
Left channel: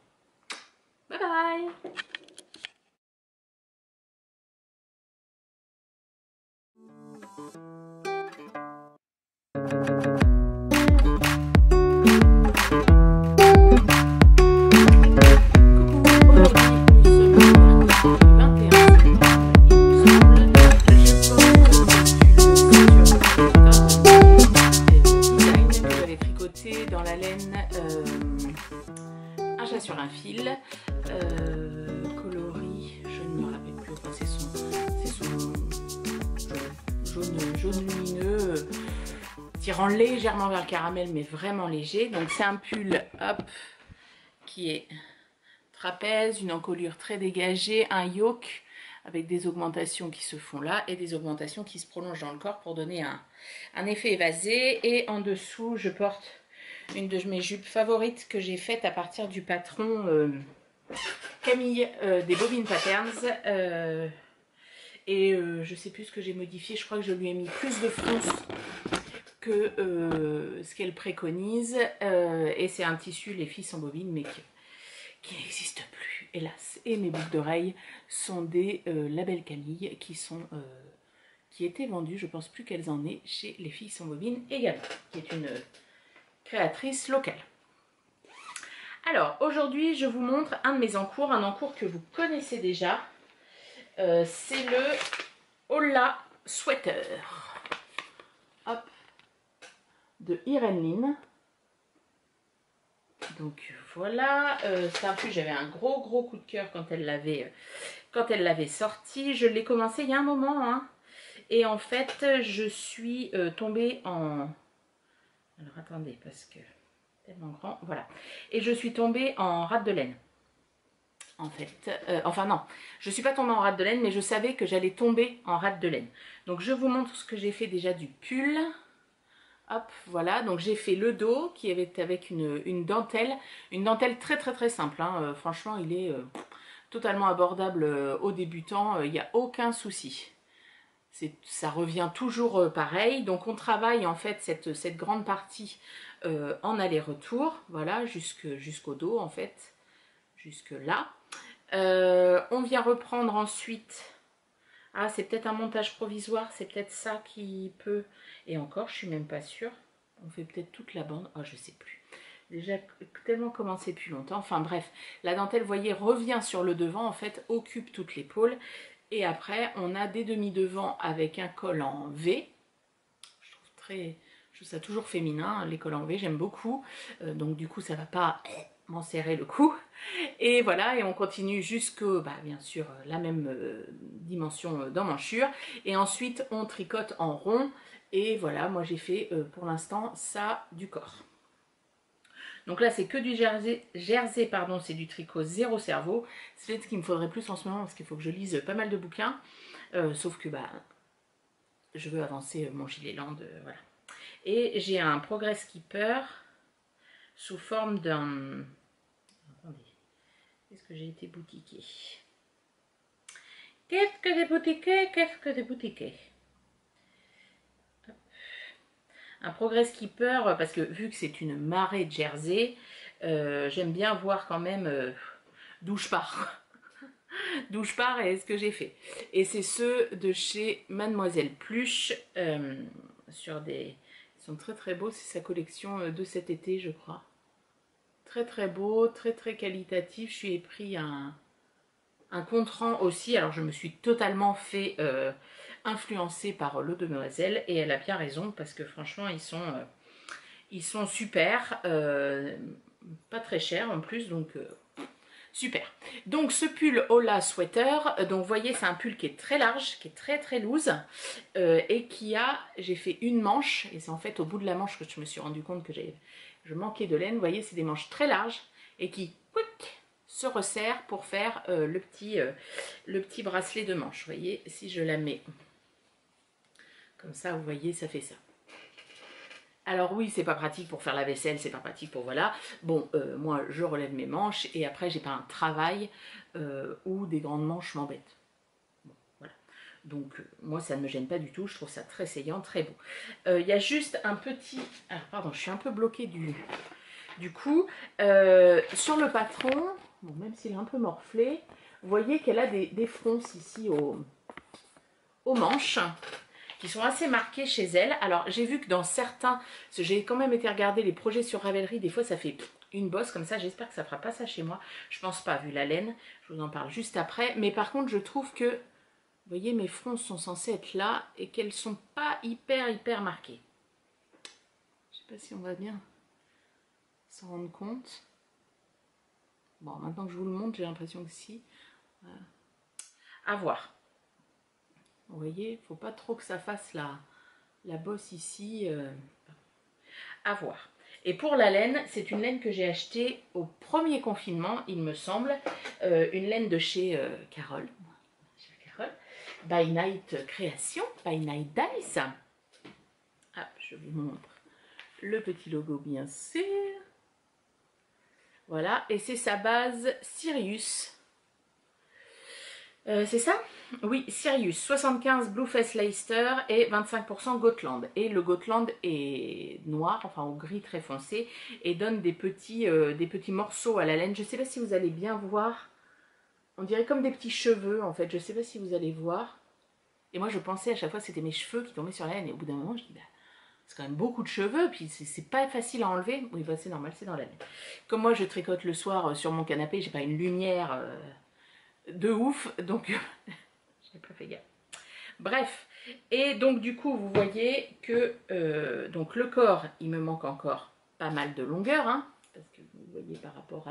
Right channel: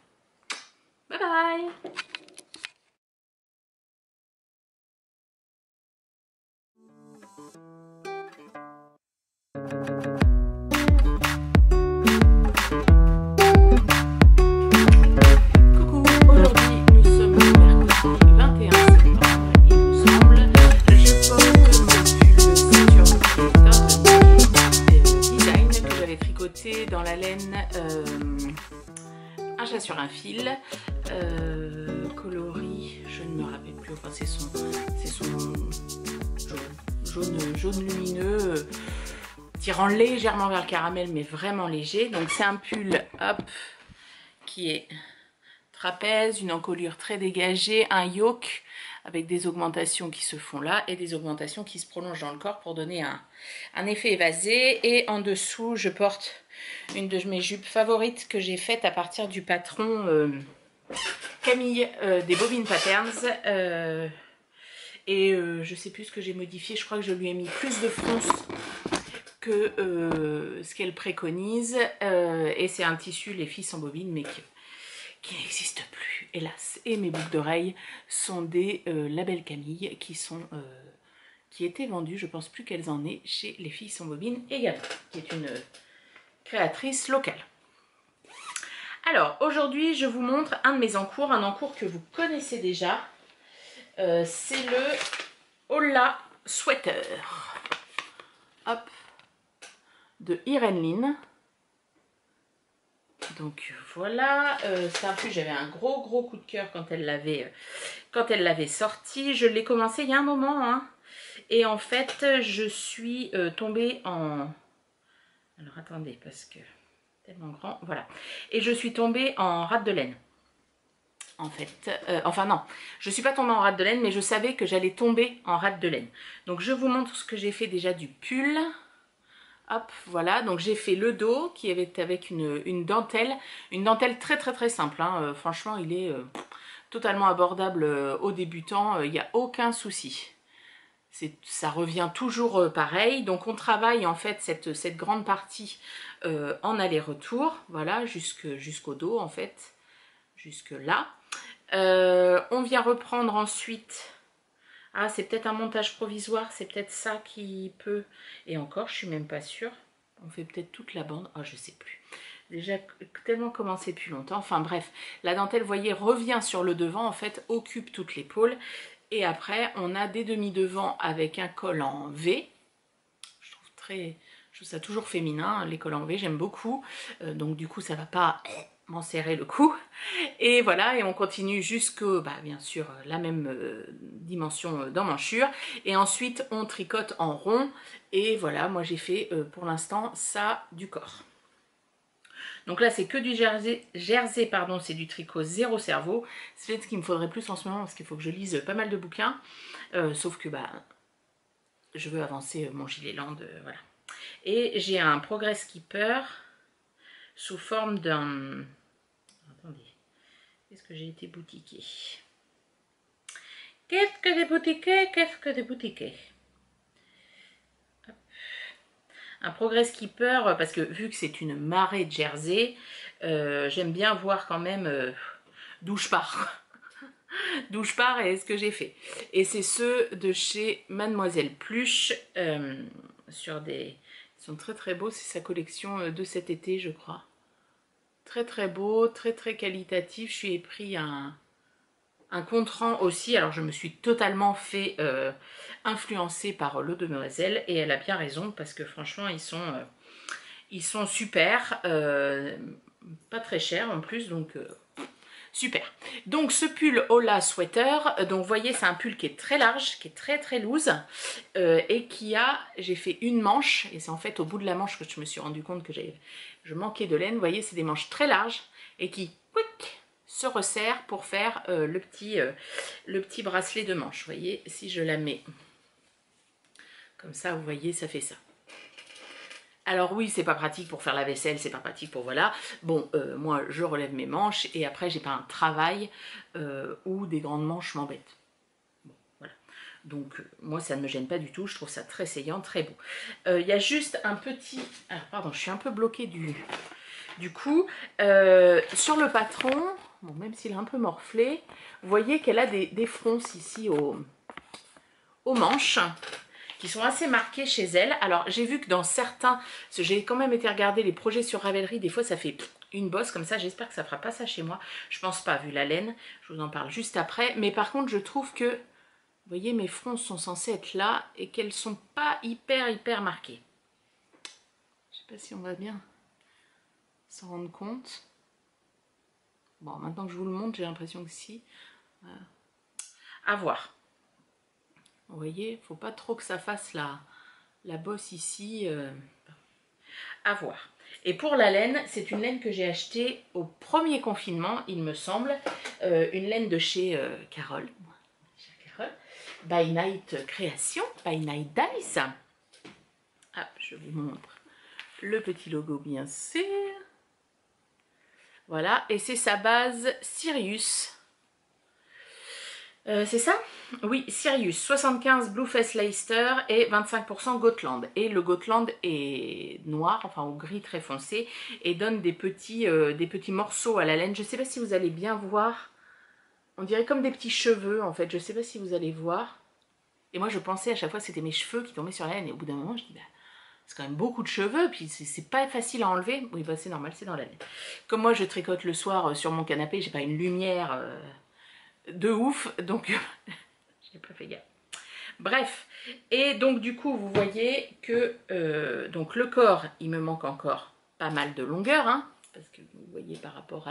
Bye bye. coloris, je ne me rappelle plus, enfin, c'est son jaune lumineux, tirant légèrement vers le caramel, mais vraiment léger. Donc c'est un pull, hop, qui est trapèze, une encolure très dégagée, un yoke avec des augmentations qui se font là et des augmentations qui se prolongent dans le corps pour donner un effet évasé. Et en dessous, je porte une de mes jupes favorites que j'ai faite à partir du patron Camille des Bobine Patterns. Je sais plus ce que j'ai modifié, je crois que je lui ai mis plus de fronce que ce qu'elle préconise. Et c'est un tissu, les filles sans bobine, mais qui n'existe plus, hélas. Et mes boucles d'oreilles sont des labels Camille qui étaient vendus, je pense plus qu'elles en aient, chez les filles sans bobine également, qui est une créatrice locale. Alors, aujourd'hui, je vous montre un de mes encours, un encours que vous connaissez déjà. C'est le Hola Sweater. Hop. De Irene Lin. Donc voilà, c'est un pull, j'avais un gros coup de cœur quand elle l'avait sorti. Je l'ai commencé il y a un moment, hein. Et en fait, je suis tombée en... Alors attendez, parce que tellement grand, voilà. Et je suis tombée en rate de laine. En fait, enfin non, je ne suis pas tombée en rate de laine, mais je savais que j'allais tomber en rate de laine. Donc je vous montre ce que j'ai fait déjà du pull. Hop, voilà, donc j'ai fait le dos qui avait avec une dentelle très simple, hein. Franchement, il est totalement abordable aux débutants, il n'y a aucun souci. Ça revient toujours pareil, donc on travaille en fait cette grande partie en aller-retour, voilà, jusqu'au dos en fait, jusque là. On vient reprendre ensuite... Ah, c'est peut-être un montage provisoire, c'est peut-être ça qui peut... Et encore, je suis même pas sûre. On fait peut-être toute la bande. Oh, je sais plus. Déjà, tellement commencé depuis longtemps. Enfin bref, la dentelle, vous voyez, revient sur le devant, en fait, occupe toute l'épaule. Et après, on a des demi-devants avec un col en V. Je trouve ça toujours féminin, les cols en V, j'aime beaucoup. Donc du coup, ça va pas m'en serrer le cou. Et voilà, et on continue jusqu'au, bien sûr, la même dimension d'emmanchure. Et ensuite, on tricote en rond. Et voilà, moi j'ai fait pour l'instant ça du corps. Donc là, c'est que du jersey, pardon, c'est du tricot zéro cerveau. C'est ce qu'il me faudrait plus en ce moment parce qu'il faut que je lise pas mal de bouquins. Sauf que je veux avancer mon gilet land, voilà. Et j'ai un Progress Keeper sous forme d'un... Attendez. Qu'est-ce que j'ai été boutiquée? Qu'est-ce que j'ai boutiqué? Qu'est-ce que j'ai boutiqué? Un Progress Keeper, parce que vu que c'est une marée de jersey, j'aime bien voir quand même d'où je pars. D'où je pars et ce que j'ai fait. Et c'est ceux de chez Mademoiselle Pluche, sur des... Ils sont très beaux, c'est sa collection de cet été, je crois. Très beau, très qualitatif. Je suis pris un contre-rang aussi. Alors je me suis totalement fait influencer par l'eau de Demoiselle et elle a bien raison parce que franchement ils sont super, pas très chers en plus, donc super. Donc ce pull Hola Sweater, donc vous voyez c'est un pull qui est très large, qui est très loose et j'ai fait une manche et c'est en fait au bout de la manche que je me suis rendu compte que je manquais de laine. Vous voyez, c'est des manches très larges et qui se resserrent pour faire le petit bracelet de manche. Vous voyez, si je la mets comme ça, vous voyez, ça fait ça. Alors oui, c'est pas pratique pour faire la vaisselle, c'est pas pratique pour voilà. Bon, moi, je relève mes manches et après, j'ai pas un travail où des grandes manches m'embêtent. Bon, voilà. Donc, moi, ça ne me gêne pas du tout. Je trouve ça très saillant, très beau. Il y a juste un petit... Alors, pardon, je suis un peu bloquée du coup. Sur le patron, bon, même s'il est un peu morflé, vous voyez qu'elle a des fronces ici aux manches qui sont assez marquées chez elle. Alors j'ai vu que dans certains, j'ai quand même été regarder les projets sur Ravelry, des fois ça fait une bosse comme ça. J'espère que ça fera pas ça chez moi, je pense pas vu la laine, je vous en parle juste après. Mais par contre je trouve que, vous voyez, mes fronces sont censées être là et qu'elles sont pas hyper marquées. Je sais pas si on va bien s'en rendre compte. Bon, maintenant que je vous le montre, j'ai l'impression que si. Voilà. À voir. Vous voyez, faut pas trop que ça fasse la bosse ici. À voir. Et pour la laine, c'est une laine que j'ai achetée au premier confinement, il me semble. Une laine de chez Carole. By Night Création, By Night Dice. Hop, je vous montre le petit logo bien sûr. Voilà, et c'est sa base Sirius. C'est ça? Oui, Sirius, 75 Blueface Leicester et 25% Gotland. Et le Gotland est noir, enfin au gris très foncé, et donne des petits morceaux à la laine. Je ne sais pas si vous allez bien voir. On dirait comme des petits cheveux en fait. Je ne sais pas si vous allez voir. Et moi je pensais à chaque fois que c'était mes cheveux qui tombaient sur la laine. Et au bout d'un moment je dis, bah, c'est quand même beaucoup de cheveux, puis c'est pas facile à enlever. Oui, bah c'est normal, c'est dans la laine. Comme moi je tricote le soir sur mon canapé, j'ai pas une lumière de ouf, donc je n'ai pas fait gaffe. Bref, et donc du coup vous voyez que donc le corps, il me manque encore pas mal de longueur, hein, parce que vous voyez par rapport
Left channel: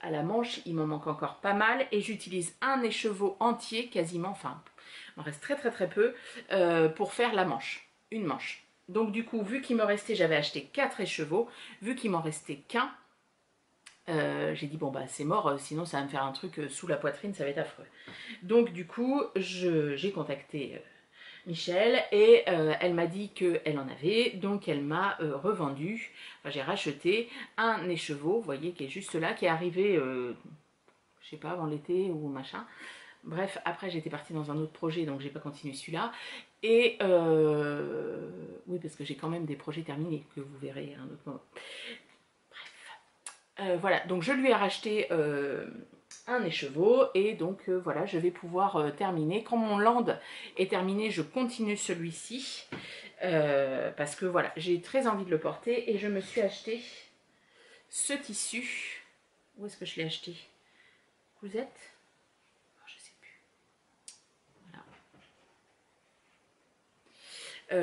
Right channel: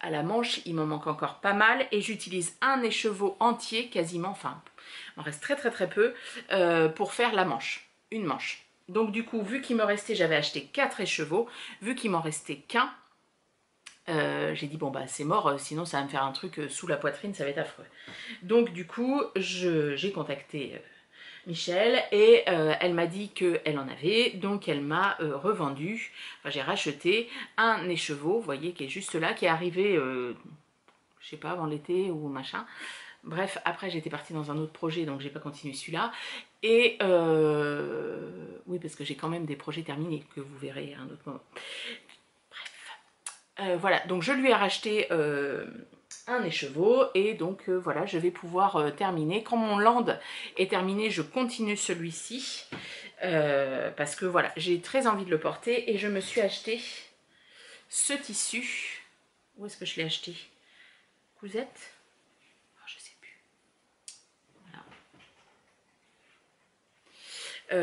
à la manche, il m'en manque encore pas mal, et j'utilise un écheveau entier quasiment, enfin il m'en reste très peu, pour faire la manche, une manche. Donc du coup, vu qu'il me restait, j'avais acheté 4 écheveaux, vu qu'il m'en restait qu'un, j'ai dit bon bah c'est mort, sinon ça va me faire un truc sous la poitrine, ça va être affreux. Donc du coup, j'ai contacté Michel et elle m'a dit qu'elle en avait, donc elle m'a revendu, enfin j'ai racheté un écheveau, vous voyez, qui est juste là, qui est arrivé, je sais pas, avant l'été ou machin. Bref, après j'étais partie dans un autre projet, donc j'ai pas continué celui-là. Et oui, parce que j'ai quand même des projets terminés, que vous verrez à un autre moment. Bref. Voilà, donc je lui ai racheté un écheveau, et donc voilà, je vais pouvoir terminer. Quand mon land est terminé, je continue celui-ci. Parce que voilà, j'ai très envie de le porter, et je me suis acheté ce tissu. Où est-ce que je l'ai acheté? Cousette?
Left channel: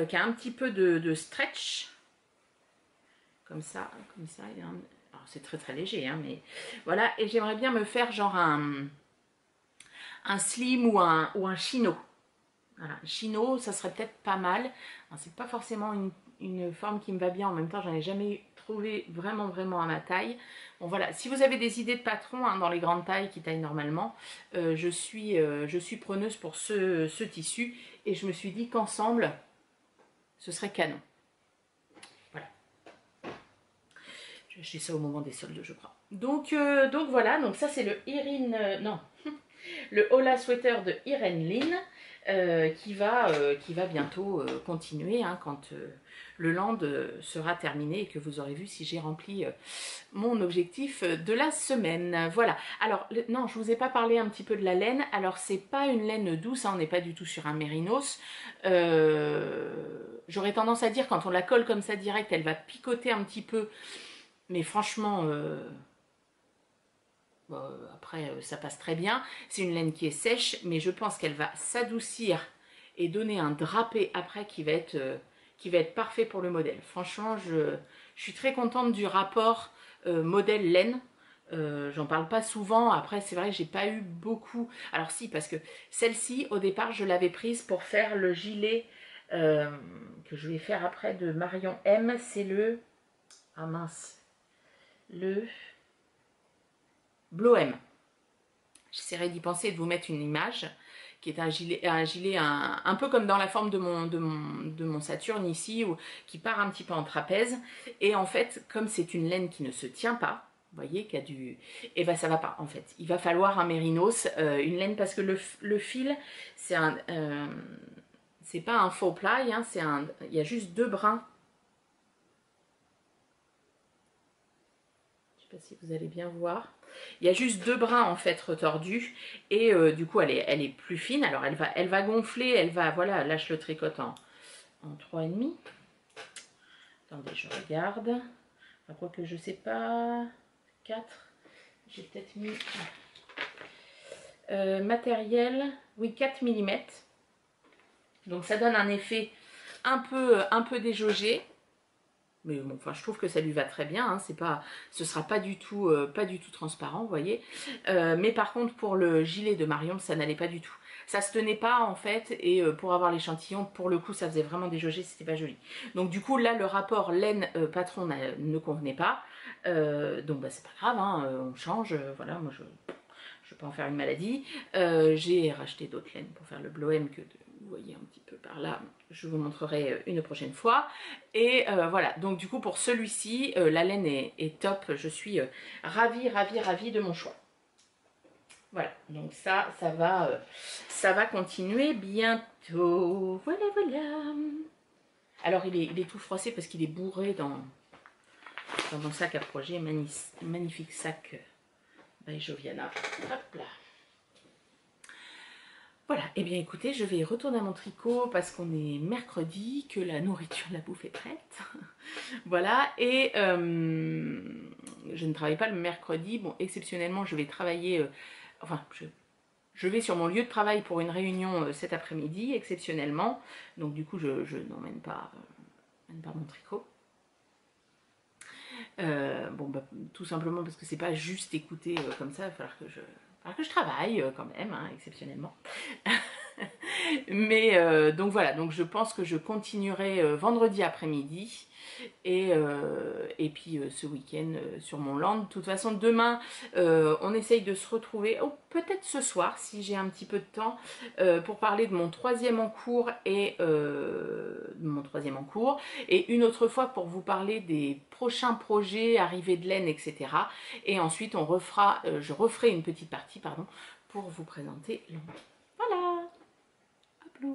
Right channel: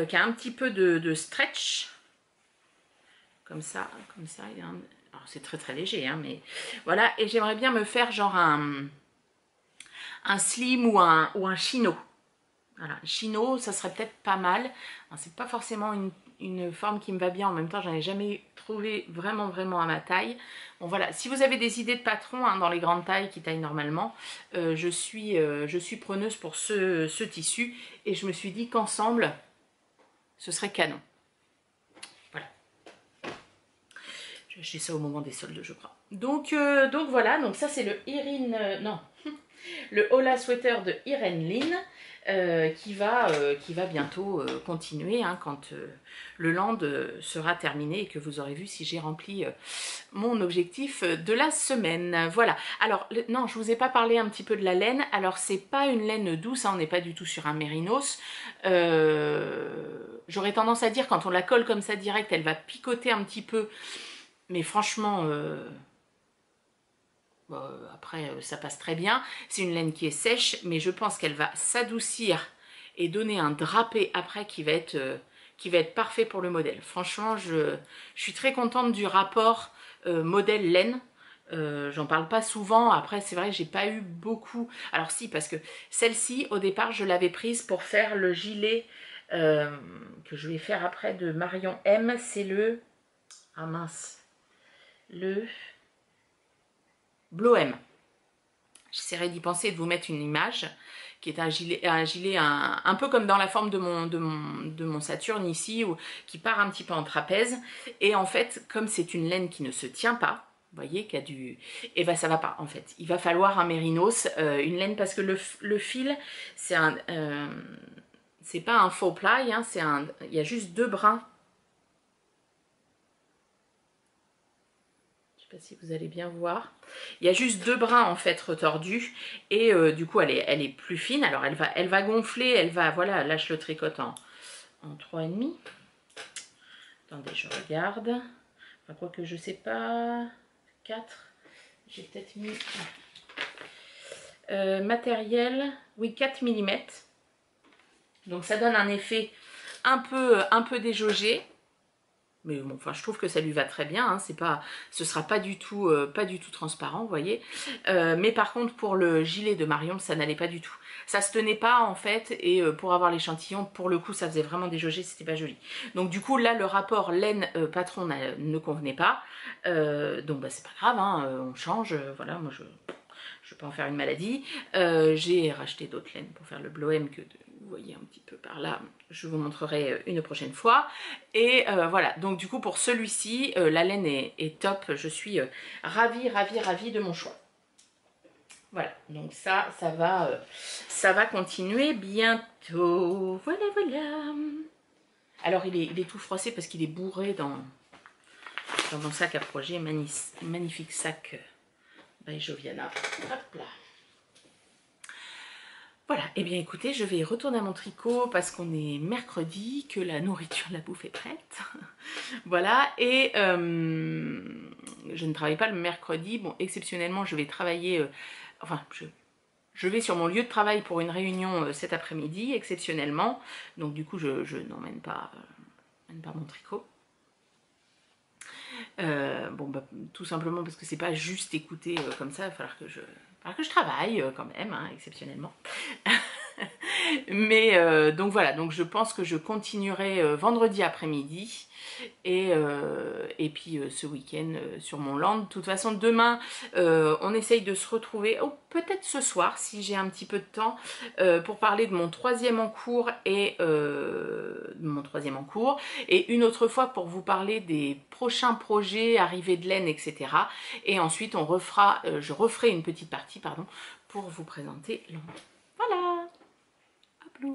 Qui a un petit peu de stretch, comme ça, il y a alors c'est très léger, hein, mais voilà, et j'aimerais bien me faire genre un slim ou un chino. Voilà, un chino, ça serait peut-être pas mal. C'est pas forcément une forme qui me va bien, en même temps j'en ai jamais trouvé vraiment à ma taille. Bon voilà, si vous avez des idées de patrons, hein, dans les grandes tailles qui taillent normalement, je suis preneuse pour ce tissu, et je me suis dit qu'ensemble ce serait canon. Voilà. J'ai acheté ça au moment des soldes, je crois. Donc voilà, donc ça c'est le le Hola Sweater de Irene Lynn, qui va bientôt continuer, hein, quand le land sera terminé et que vous aurez vu si j'ai rempli mon objectif de la semaine. Voilà. Alors, non, je vous ai pas parlé un petit peu de la laine. Alors, c'est pas une laine douce, hein, on n'est pas du tout sur un mérinos. J'aurais tendance à dire, quand on la colle comme ça direct, elle va picoter un petit peu. Mais franchement, après, ça passe très bien. C'est une laine qui est sèche, mais je pense qu'elle va s'adoucir et donner un drapé après qui va être parfait pour le modèle. Franchement, je suis très contente du rapport modèle laine. J'en parle pas souvent. Après, c'est vrai que j'ai pas eu beaucoup. Alors si, parce que celle-ci, au départ, je l'avais prise pour faire le gilet que je vais faire après de Marion M. C'est le... Ah mince. Le Bloem. J'essaierai d'y penser et de vous mettre une image, qui est un gilet un peu comme dans la forme de mon Saturne ici, qui part un petit peu en trapèze. Et en fait, comme c'est une laine qui ne se tient pas, vous voyez, qu'il y a du... Et ben ça va pas en fait. Il va falloir un mérinos, une laine, parce que le fil, c'est c'est pas un faux ply, hein, il y a juste 2 brins. Je sais pas si vous allez bien voir. Il y a juste 2 brins en fait retordus, et du coup elle est plus fine. Alors elle va gonfler, elle va, voilà, là je le tricote en 3,5. Attendez, je regarde. Enfin, quoi que je sais pas, 4. J'ai peut-être mis matériel, oui, 4 mm. Donc ça donne un effet un peu déjaugé. Mais bon, enfin, je trouve que ça lui va très bien, hein, ce sera pas du tout transparent, vous voyez. Mais par contre, pour le gilet de Marion, ça n'allait pas du tout. Ça se tenait pas en fait, et pour avoir l'échantillon, pour le coup, ça faisait vraiment déjauger, c'était pas joli. Donc du coup, là, le rapport laine patron ne convenait pas. Donc bah, c'est pas grave, hein, on change, voilà, moi je vais pas en faire une maladie. J'ai racheté d'autres laines pour faire le Bloem que vous voyez un petit peu par là. Je vous montrerai une prochaine fois. Et voilà, donc du coup pour celui-ci, la laine est top. Je suis ravie de mon choix. Voilà, donc ça va continuer bientôt. Voilà, voilà. Alors il est tout froissé parce qu'il est bourré dans mon sac à projet. Magnifique sac by Joviana. Hop là. Voilà, et bien écoutez, je vais retourner à mon tricot parce qu'on est mercredi, que la nourriture, la bouffe est prête. Voilà, et je ne travaille pas le mercredi. Bon, exceptionnellement, je vais travailler, enfin, je vais sur mon lieu de travail pour une réunion cet après-midi, exceptionnellement. Donc du coup, je n'emmène pas mon tricot. Bon, bah, tout simplement parce que c'est pas juste écouter comme ça, il va falloir que je travaille quand même, hein, exceptionnellement. Mais donc voilà, donc je pense que je continuerai vendredi après-midi et puis ce week-end sur mon land. De toute façon, demain, on essaye de se retrouver, ou peut-être ce soir, si j'ai un petit peu de temps, pour parler de mon troisième en cours et une autre fois pour vous parler des prochains projets, arrivée de laine, etc. Et ensuite, je referai une petite partie, pardon, pour vous présenter l'an. Voilà. À plus.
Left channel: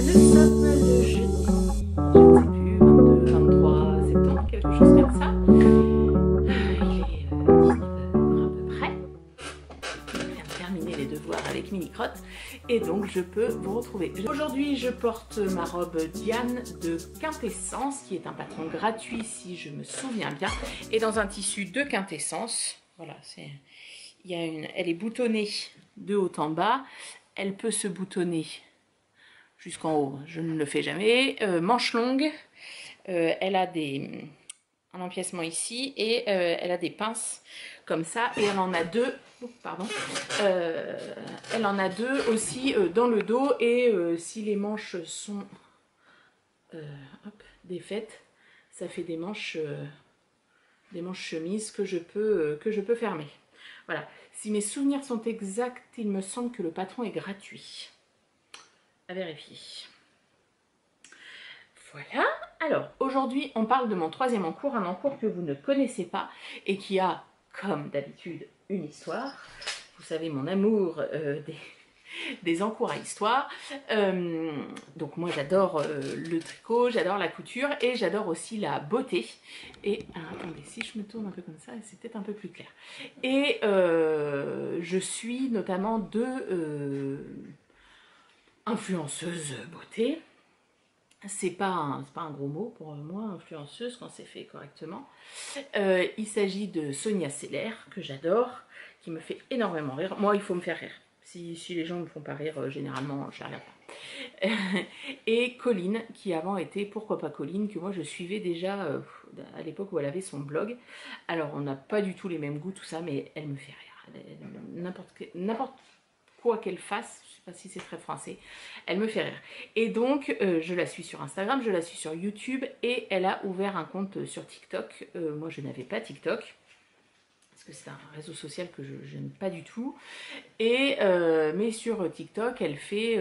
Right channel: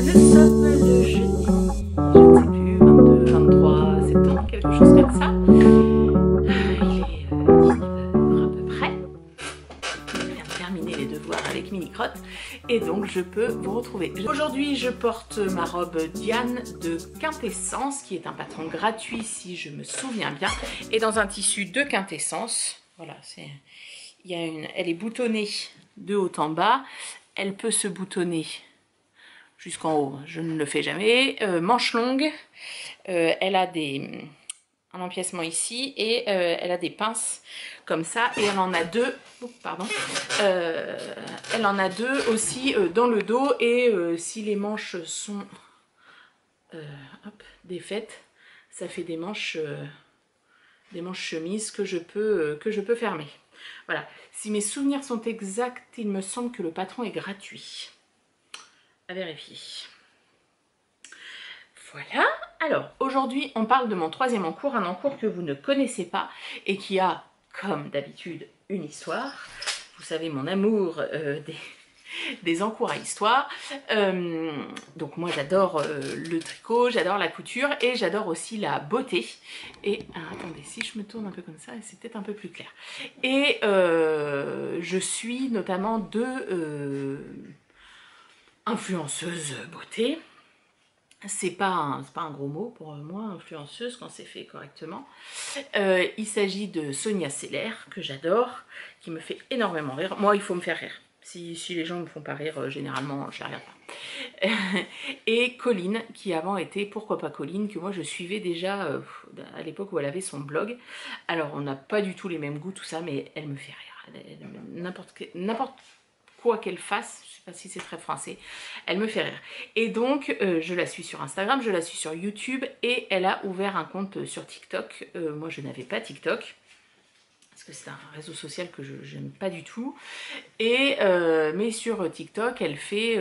Nous sommes le jeudi, je ne sais plus, 22, 23 septembre, quelque chose comme ça. Il est 19h à peu près. Je viens de terminer les devoirs avec Mini-Crotte et donc je peux vous retrouver. Aujourd'hui, je porte ma robe Diane de Quintessence, qui est un patron gratuit si je me souviens bien, et dans un tissu de Quintessence. Voilà, elle est boutonnée de haut en bas. Elle peut se boutonner jusqu'en haut, je ne le fais jamais. Manche longue, elle a un empiècement ici et elle a des pinces comme ça, et elle en a deux, pardon, elle en a deux aussi dans le dos, et si les manches sont défaites, ça fait des manches chemises que je peux fermer. Voilà, si mes souvenirs sont exacts, il me semble que le patron est gratuit. À vérifier. Voilà, alors aujourd'hui on parle de mon troisième encours, un encours que vous ne connaissez pas et qui a, comme d'habitude, une histoire. Vous savez mon amour des encours à histoire. Donc moi j'adore le tricot, j'adore la couture et j'adore aussi la beauté. Et attendez, si je me tourne un peu comme ça, c'est peut-être un peu plus clair. Et je suis notamment deux influenceuses beauté. C'est pas un gros mot pour moi, influenceuse, quand c'est fait correctement. Il s'agit de Sonia Seller, que j'adore, qui me fait énormément rire. Moi, il faut me faire rire. Si les gens ne me font pas rire, généralement, je ne la regarde pas. Et Colline, qui avant était Pourquoi pas Colline, que moi je suivais déjà à l'époque où elle avait son blog. Alors, on n'a pas du tout les mêmes goûts, tout ça, mais elle me fait rire. N'importe quoi qu'elle fasse, je ne sais pas si c'est très français, elle me fait rire. Et donc, je la suis sur Instagram, je la suis sur YouTube, et elle a ouvert un compte sur TikTok. Moi, je n'avais pas TikTok, parce que c'est un réseau social que je n'aime pas du tout. Et, mais sur TikTok, elle fait...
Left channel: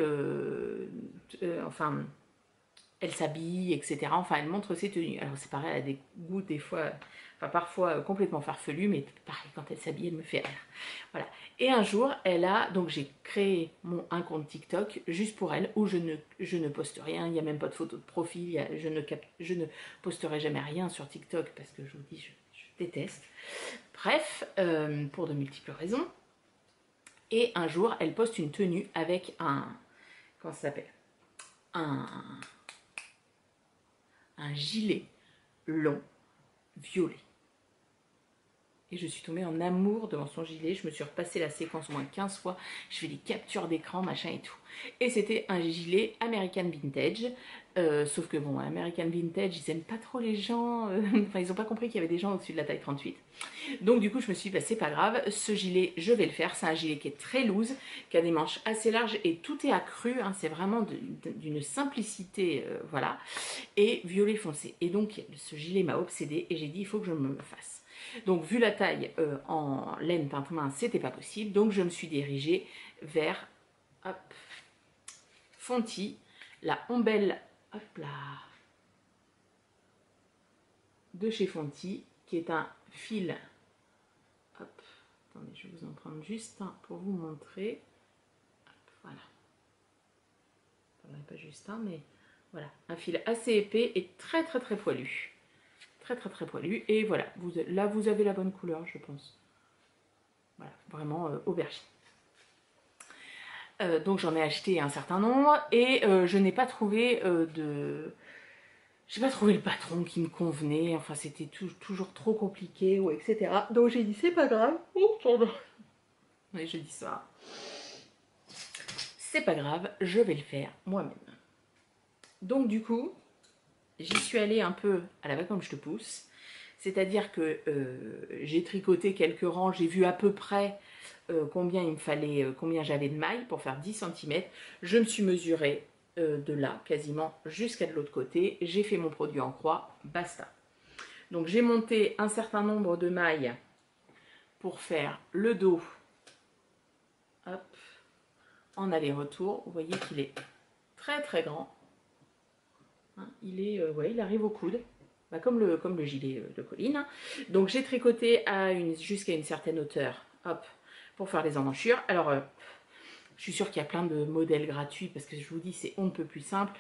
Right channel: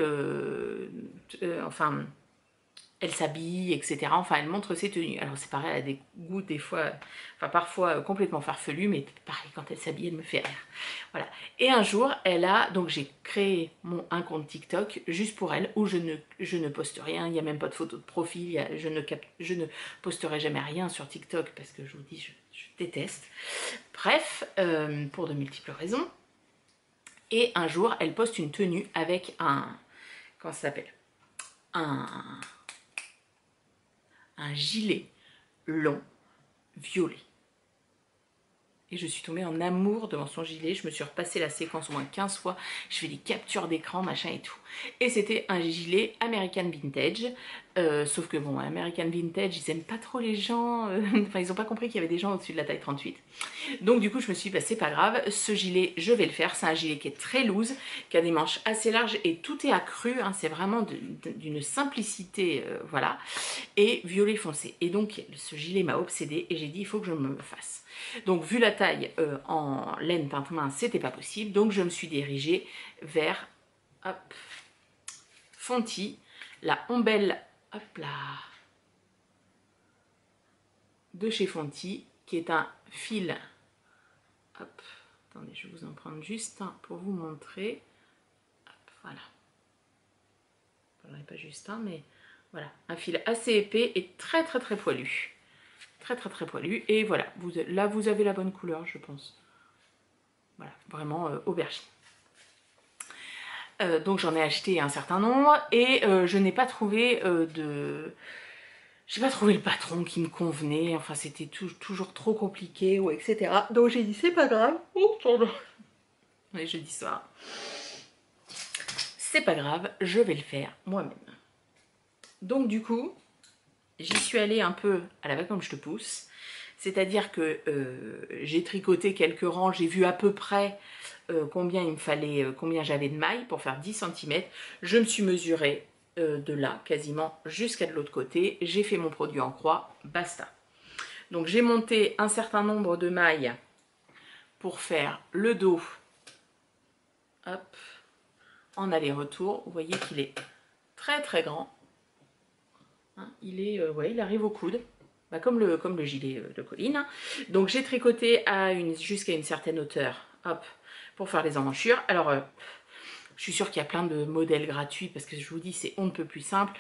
elle s'habille, etc. Enfin, elle montre ses tenues. Alors c'est pareil, elle a des goûts des fois, enfin parfois complètement farfelus, mais pareil, quand elle s'habille, elle me fait rire. Voilà. Et un jour, donc j'ai créé un compte TikTok juste pour elle, où je ne poste rien, il n'y a même pas de photo de profil, je ne posterai jamais rien sur TikTok, parce que je vous dis, je déteste. Bref, pour de multiples raisons. Et un jour, elle poste une tenue avec comment ça s'appelle ? un gilet long, violet. Et je suis tombée en amour devant son gilet. Je me suis repassé la séquence au moins 15 fois. Je fais des captures d'écran, machin et tout. Et c'était un gilet American Vintage. Sauf que bon, American Vintage, ils aiment pas trop les gens. Enfin, ils ont pas compris qu'il y avait des gens au-dessus de la taille 38. Donc du coup, je me suis dit, bah, c'est pas grave. Ce gilet, je vais le faire. C'est un gilet qui est très loose, qui a des manches assez larges. Et tout est accru. Hein, c'est vraiment d'une simplicité, voilà. Et violet foncé. Et donc, ce gilet m'a obsédée. Et j'ai dit, il faut que je me le fasse. Donc vu la taille en laine teinte main, c'était pas possible, donc je me suis dirigée vers hop, Fonty, la ombelle hop là, de chez Fonty, qui est un fil, hop, attendez, je vais vous en prendre juste un pour vous montrer, hop, voilà, pas juste un, mais voilà, un fil assez épais et très très très poilu. Très poilu, et voilà, là vous avez la bonne couleur, je pense. Voilà, vraiment aubergine. Donc j'en ai acheté un certain nombre et je n'ai pas trouvé j'ai pas trouvé le patron qui me convenait, enfin c'était toujours trop compliqué, ou etc. Donc j'ai dit c'est pas grave, oh pardon, on est jeudi soir, c'est pas grave, je vais le faire moi-même. Donc du coup, j'y suis allée un peu à la va comme je te pousse, c'est-à-dire que j'ai tricoté quelques rangs, j'ai vu à peu près combien il me fallait, combien j'avais de mailles pour faire 10 cm. Je me suis mesurée de là quasiment jusqu'à de l'autre côté. J'ai fait mon produit en croix, basta. Donc j'ai monté un certain nombre de mailles pour faire le dos, hop, en aller-retour. Vous voyez qu'il est très grand. Hein, ouais, il arrive au coude. Bah, comme le gilet de Colline. Donc j'ai tricoté jusqu'à une certaine hauteur, hop, pour faire les emmanchures. Alors, je suis sûre qu'il y a plein de modèles gratuits parce que je vous dis, c'est on ne peut plus simple.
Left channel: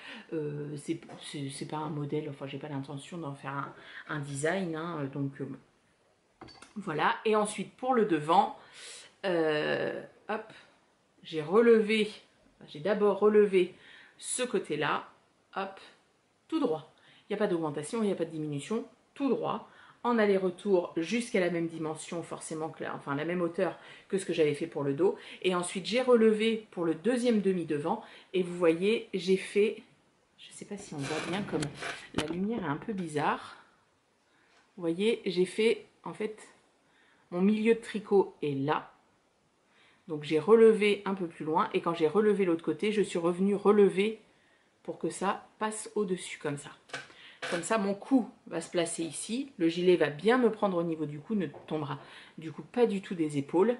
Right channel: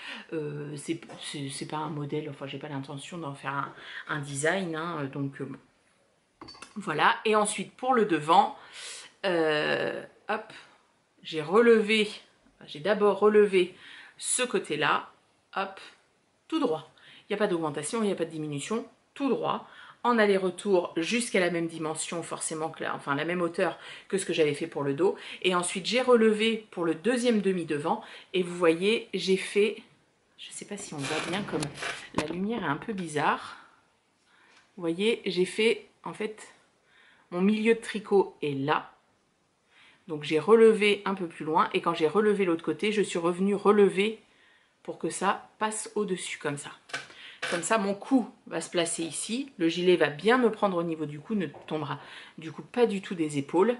C'est pas un modèle, enfin, j'ai pas l'intention d'en faire un design. Hein, donc, bon. Voilà. Et ensuite, pour le devant, hop, j'ai d'abord relevé ce côté-là, hop, tout droit. Il n'y a pas d'augmentation, il n'y a pas de diminution, tout droit, en aller-retour jusqu'à la même dimension, forcément, enfin la même hauteur que ce que j'avais fait pour le dos. Et ensuite, j'ai relevé pour le deuxième demi-devant. Et vous voyez, j'ai fait, je ne sais pas si on voit bien, comme la lumière est un peu bizarre. Vous voyez, j'ai fait, en fait, mon milieu de tricot est là. Donc j'ai relevé un peu plus loin. Et quand j'ai relevé l'autre côté, je suis revenue relever pour que ça passe au-dessus, comme ça. Comme ça, mon cou va se placer ici. Le gilet va bien me prendre au niveau du cou, ne tombera du coup pas du tout des épaules.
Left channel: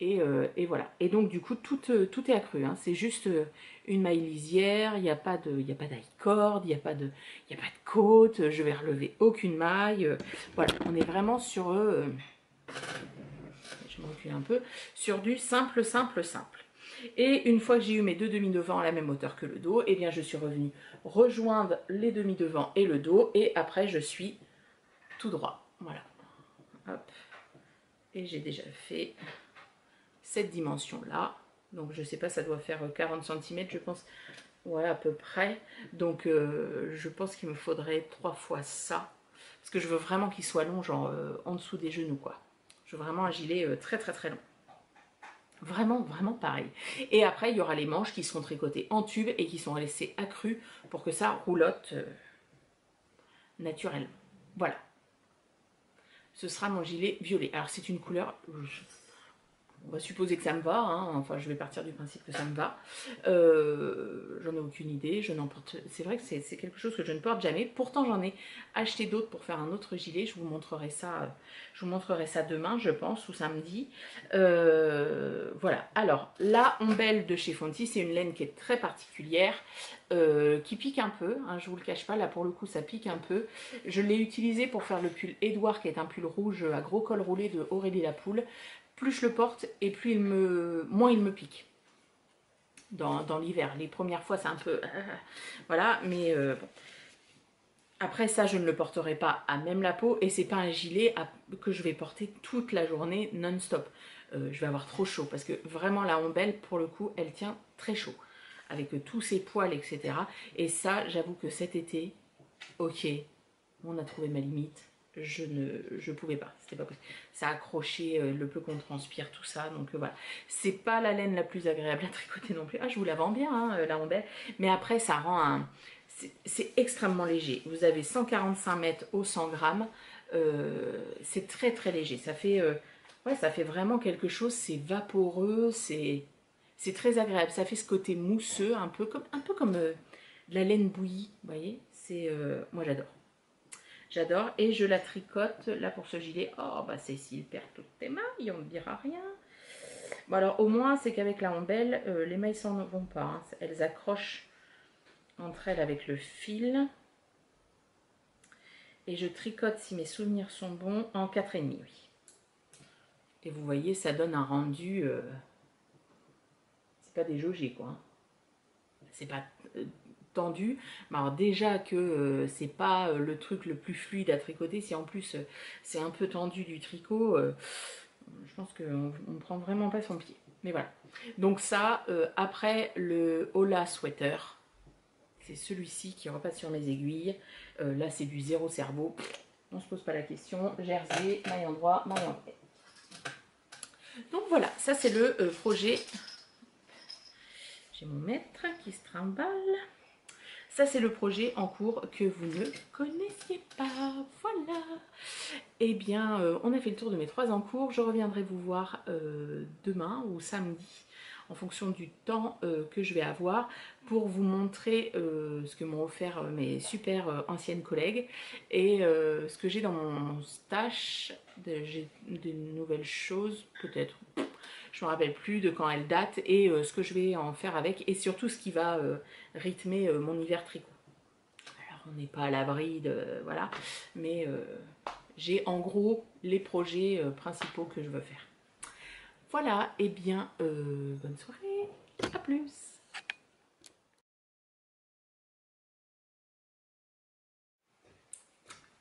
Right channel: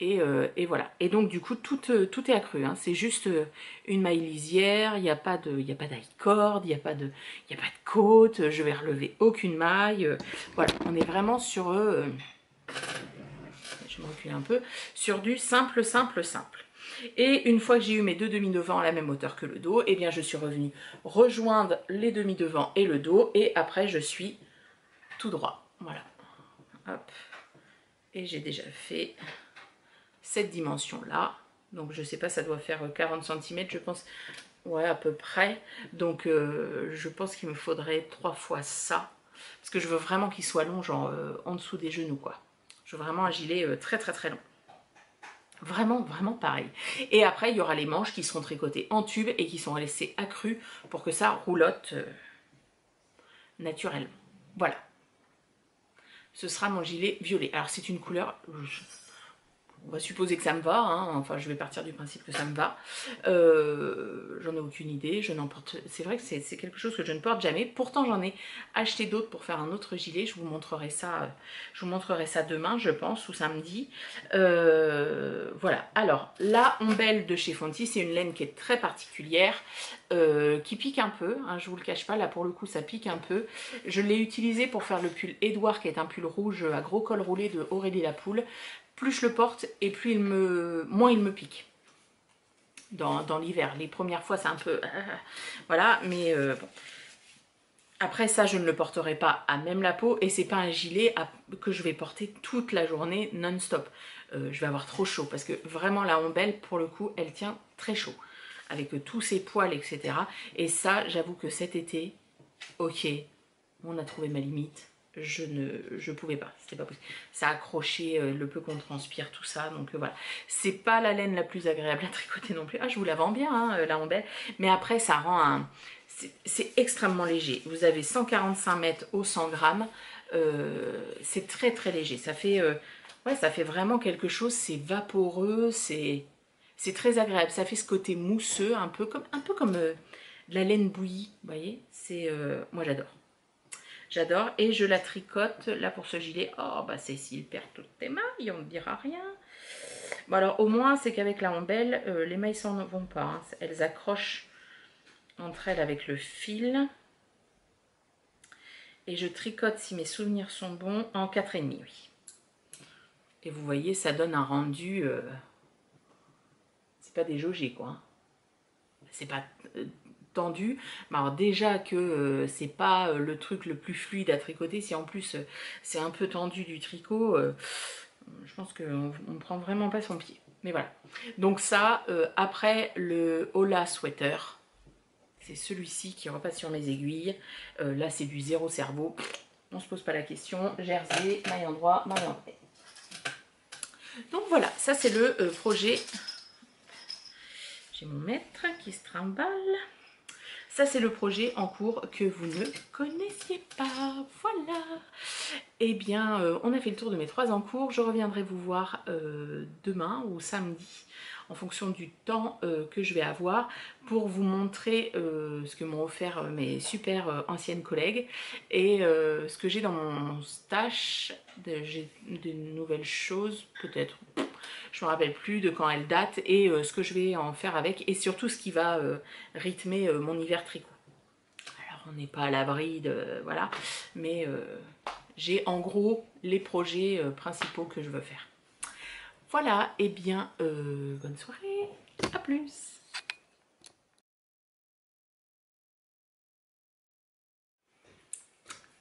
Et voilà. Et donc, du coup, tout est accru. Hein. C'est juste une maille lisière. Il n'y a pas d'high-cord, il n'y a pas de côte. Je vais relever aucune maille. Voilà, on est vraiment sur... je me recule un peu. Sur du simple. Et une fois que j'ai eu mes deux demi-devants à la même hauteur que le dos, eh bien je suis revenue rejoindre les demi-devants et le dos. Et après, je suis tout droit. Voilà. Hop. Et j'ai déjà fait cette dimension-là. Donc, je sais pas, ça doit faire 40 cm, je pense. Ouais, à peu près. Donc, je pense qu'il me faudrait 3 fois ça. Parce que je veux vraiment qu'il soit long, genre en dessous des genoux, quoi. Je veux vraiment un gilet très long. Vraiment pareil. Et après, il y aura les manches qui seront tricotées en tube et qui sont laissées accrues pour que ça roulotte naturellement. Voilà. Ce sera mon gilet violet. Alors, c'est une couleur... On va supposer que ça me va, hein. Enfin je vais partir du principe que ça me va. J'en ai aucune idée, je n'en porte... C'est vrai que c'est quelque chose que je ne porte jamais. Pourtant j'en ai acheté d'autres pour faire un autre gilet. Je vous montrerai ça demain, je pense, ou samedi. Voilà. Alors la ombelle de chez Fonty, c'est une laine qui est très particulière, qui pique un peu, hein, je vous le cache pas, là pour le coup ça pique un peu. Je l'ai utilisé pour faire le pull Edouard, qui est un pull rouge à gros col roulé de Aurélie Lapoule. Plus je le porte et plus moins il me pique dans l'hiver. Les premières fois c'est un peu voilà, mais bon. Après ça je ne le porterai pas à même la peau et c'est pas un gilet que je vais porter toute la journée non-stop. Je vais avoir trop chaud parce que vraiment la ombelle pour le coup elle tient très chaud. avec tous ses poils, etc. Et ça, j'avoue que cet été, ok, on a trouvé ma limite. Je pouvais pas, c'était pas possible. Ça accrochait le peu qu'on transpire, tout ça. Donc voilà, c'est pas la laine la plus agréable à tricoter non plus. Ah, je vous la vends bien, hein, la Rambelle. Mais après, ça rend un... C'est extrêmement léger. Vous avez 145 mètres au 100 grammes. C'est très très léger. Ça fait, ouais, ça fait vraiment quelque chose. C'est vaporeux, c'est très agréable. Ça fait ce côté mousseux, un peu comme de la laine bouillie. Vous voyez, moi j'adore. J'adore et je la tricote là pour ce gilet. Oh bah Cécile perd toutes tes mailles, on ne dira rien. Bon alors au moins c'est qu'avec la Rambelle, les mailles s'en vont pas. Hein. Elles accrochent entre elles avec le fil. Et je tricote, si mes souvenirs sont bons, en 4,5, oui. Et vous voyez, ça donne un rendu... c'est pas déjaugé, quoi. Hein. C'est pas tendu. Mais alors déjà que c'est pas le truc le plus fluide à tricoter, si en plus c'est un peu tendu du tricot, je pense qu'on ne prend vraiment pas son pied. Mais voilà. Donc ça, après le Hola Sweater, c'est celui-ci qui repasse sur mes aiguilles. Là, c'est du zéro cerveau. On ne se pose pas la question. Jersey, maille endroit, maille en vrai. Donc voilà, ça c'est le projet. J'ai mon maître qui se trimballe. Ça c'est le projet en cours que vous ne connaissiez pas. Voilà. Eh bien, on a fait le tour de mes 3 en cours. Je reviendrai vous voir demain ou samedi en fonction du temps que je vais avoir pour vous montrer ce que m'ont offert mes super anciennes collègues et ce que j'ai dans mon stash. J'ai des nouvelles choses peut-être, je ne me rappelle plus de quand elles datent et ce que je vais en faire avec et surtout ce qui va rythmer mon hiver tricot. Alors on n'est pas à l'abri de... voilà, mais j'ai en gros les projets principaux que je veux faire. Voilà, et bien, bonne soirée, à plus.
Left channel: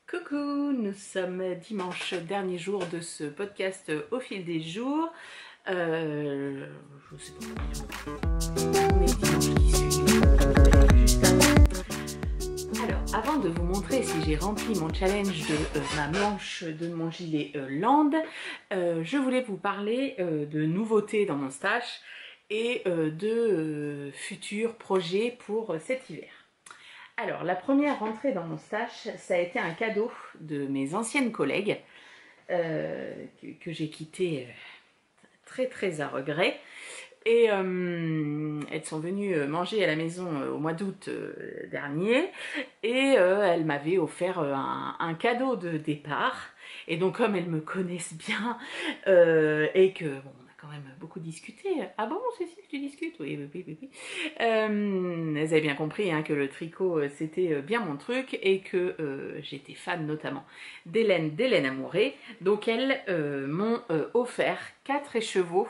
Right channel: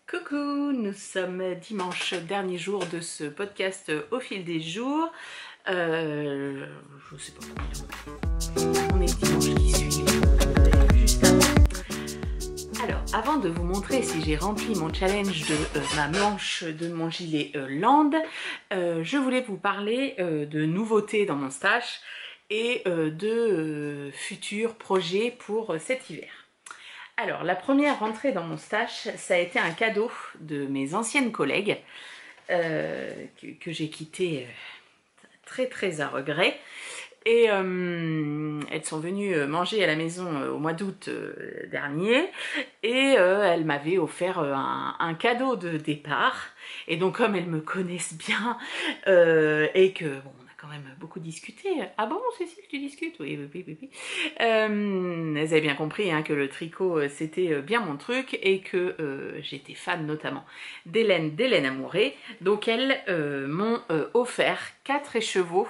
Coucou, nous sommes dimanche, dernier jour de ce podcast au fil des jours. Je sais pas combien. On est dimanche qui suit. Juste avant. Alors, avant de vous montrer si j'ai rempli mon challenge de ma manche de mon gilet Land, je voulais vous parler de nouveautés dans mon stash et de futurs projets pour cet hiver. Alors, la première rentrée dans mon stash, ça a été un cadeau de mes anciennes collègues que j'ai quitté très très à regret. Et elles sont venues manger à la maison au mois d'août dernier et elles m'avaient offert un cadeau de départ. Et donc comme elles me connaissent bien et que bon, on a quand même beaucoup discuté. Ah bon Cécile, tu discutes? Oui, oui, oui, oui. Elles avaient bien compris hein, que le tricot c'était bien mon truc et que j'étais fan notamment d'Hélène Amouré. Donc elles m'ont offert 4 écheveaux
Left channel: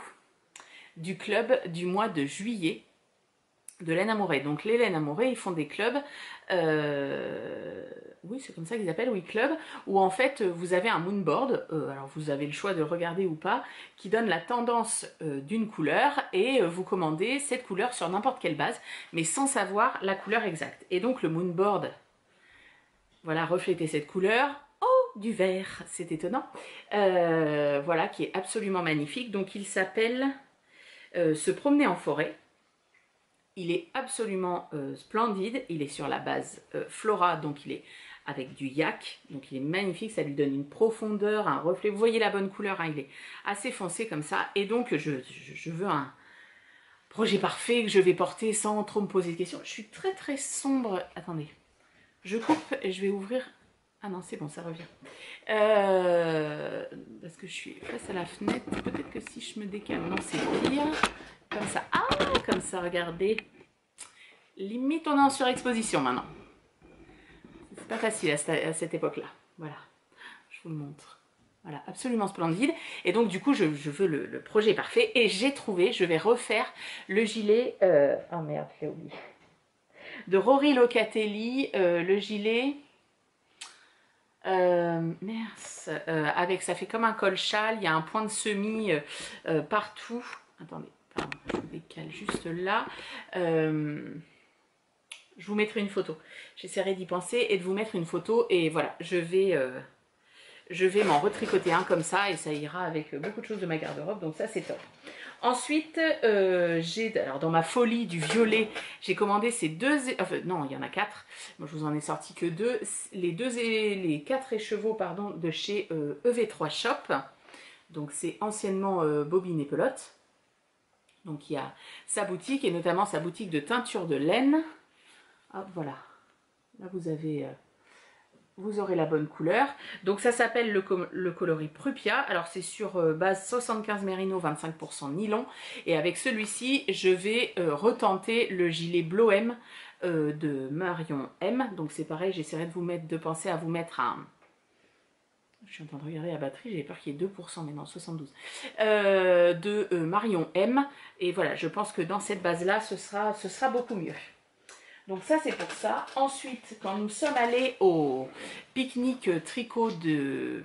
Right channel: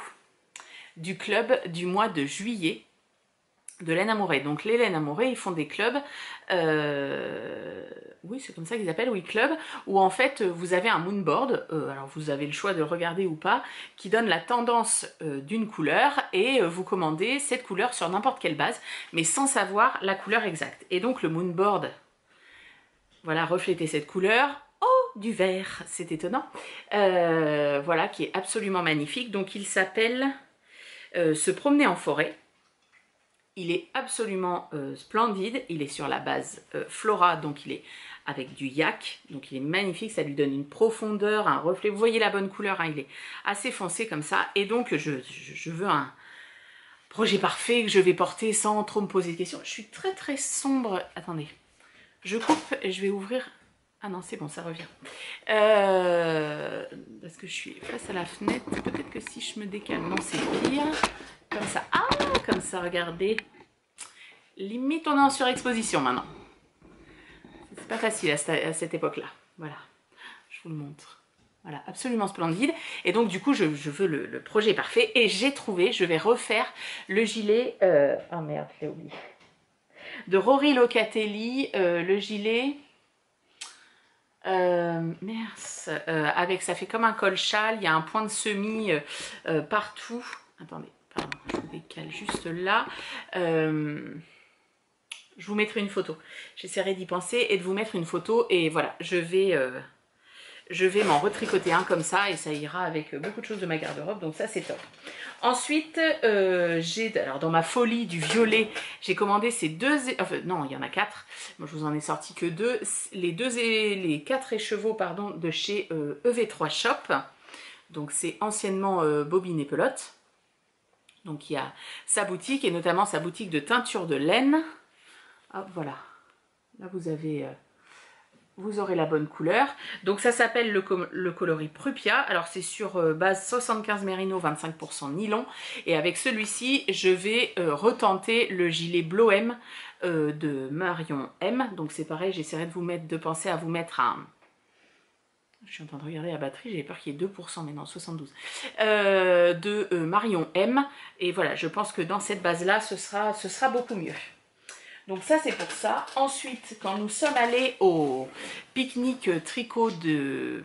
du club du mois de juillet de Laine Amouré. Donc les Laine Amouré, ils font des clubs, oui c'est comme ça qu'ils appellent, oui club, où en fait vous avez un moonboard, alors vous avez le choix de le regarder ou pas, qui donne la tendance d'une couleur et vous commandez cette couleur sur n'importe quelle base, mais sans savoir la couleur exacte. Et donc le moonboard, voilà, reflétait cette couleur. Oh, du vert, c'est étonnant. Voilà, qui est absolument magnifique. Donc il s'appelle... se promener en forêt. Il est absolument splendide. Il est sur la base Flora, donc il est avec du yak. Donc il est magnifique, ça lui donne une profondeur, un reflet. Vous voyez la bonne couleur, hein, il est assez foncé comme ça. Et donc je veux un projet parfait que je vais porter sans trop me poser de questions. Je suis très très sombre. Attendez, je coupe et je vais ouvrir... Ah non, c'est bon, ça revient. Parce que je suis face à la fenêtre. Peut-être que si je me décale, non, c'est pire. Comme ça. Ah, comme ça, regardez. Limite, on est en surexposition maintenant. C'est pas facile à cette époque-là. Voilà, je vous le montre. Voilà, absolument splendide. Et donc, du coup, je veux le projet parfait. Et j'ai trouvé, je vais refaire le gilet... Oh merde, je l'ai oublié. De Rory Locatelli, le gilet... avec ça fait comme un col châle, il y a un point de semis partout. Attendez, pardon, je vous décale juste là. Je vous mettrai une photo. J'essaierai d'y penser et de vous mettre une photo. Et voilà, je vais m'en retricoter un comme ça et ça ira avec beaucoup de choses de ma garde-robe. Donc ça, c'est top. Ensuite, alors dans ma folie du violet, j'ai commandé ces deux... Enfin, non, il y en a 4. Moi, je vous en ai sorti que 2. Les 4 écheveaux, pardon, de chez EV3 Shop. Donc, c'est anciennement Bobine et Pelote. Donc, il y a sa boutique et notamment sa boutique de teinture de laine. Hop, voilà. Là, vous aurez la bonne couleur. Donc, ça s'appelle le coloris Prupia. Alors, c'est sur base 75 mérino, 25% nylon. Et avec celui-ci, je vais retenter le gilet Bloem de Marion M. Donc, c'est pareil, j'essaierai de penser à vous mettre un... Je suis en train de regarder la batterie, j'avais peur qu'il y ait 2%, mais non, 72. De Marion M. Et voilà, je pense que dans cette base-là, ce sera beaucoup mieux. Donc ça, c'est pour ça. Ensuite, quand nous sommes allés au pique-nique tricot de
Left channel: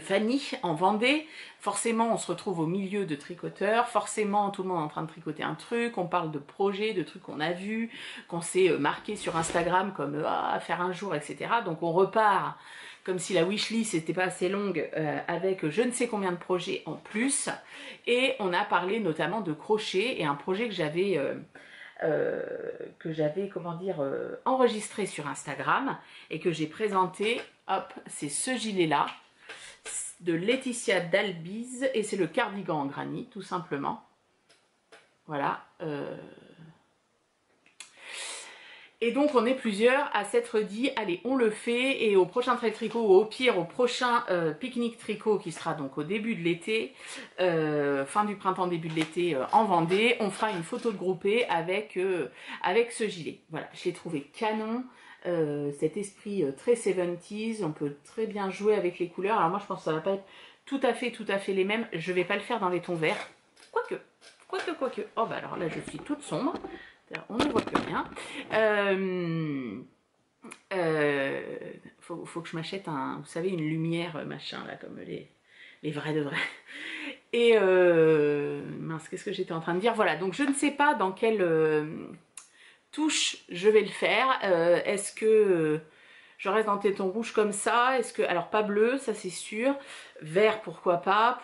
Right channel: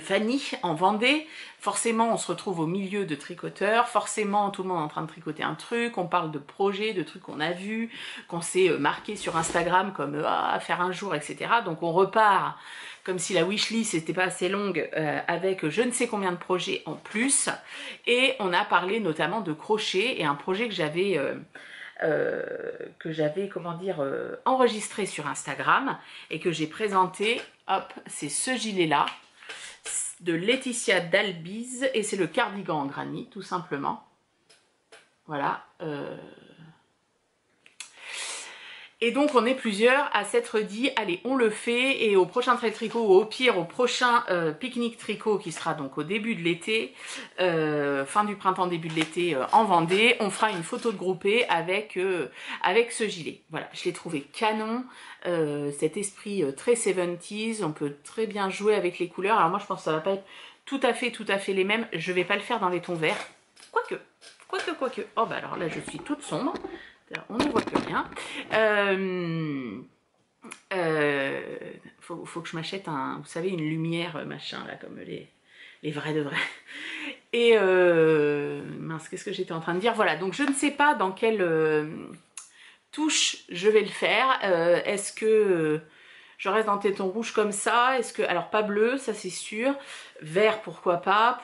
Fanny en Vendée, forcément, on se retrouve au milieu de tricoteurs. Forcément, tout le monde est en train de tricoter un truc. On parle de projets, de trucs qu'on a vus, qu'on s'est marqué sur Instagram comme à faire un jour, etc. Donc on repart comme si la wishlist n'était pas assez longue avec je ne sais combien de projets en plus. Et on a parlé notamment de crochet et un projet que j'avais... comment dire, enregistré sur Instagram et que j'ai présenté. Hop, c'est ce gilet-là de Laetitia Dalbiz et c'est le cardigan en granit, tout simplement. Voilà. Et donc, on est plusieurs à s'être dit, allez, on le fait. Et au prochain trail tricot, ou au pire, au prochain pique-nique tricot, qui sera donc au début de l'été, fin du printemps, début de l'été, en Vendée, on fera une photo de groupée avec ce gilet. Voilà, je l'ai trouvé canon. Cet esprit très 70s, on peut très bien jouer avec les couleurs. Alors moi, je pense que ça va pas être tout à fait les mêmes. Je vais pas le faire dans les tons verts. Quoique. Oh, bah alors là, je suis toute sombre. On ne voit plus rien. Faut que je m'achète vous savez, une lumière machin là, comme les vrais de vrais. Et mince, qu'est-ce que j'étais en train de dire? Voilà, donc je ne sais pas dans quelle touche je vais le faire. Est-ce que je reste dans téton rouge comme ça? Est-ce que, alors pas bleu, ça c'est sûr. Vert, pourquoi pas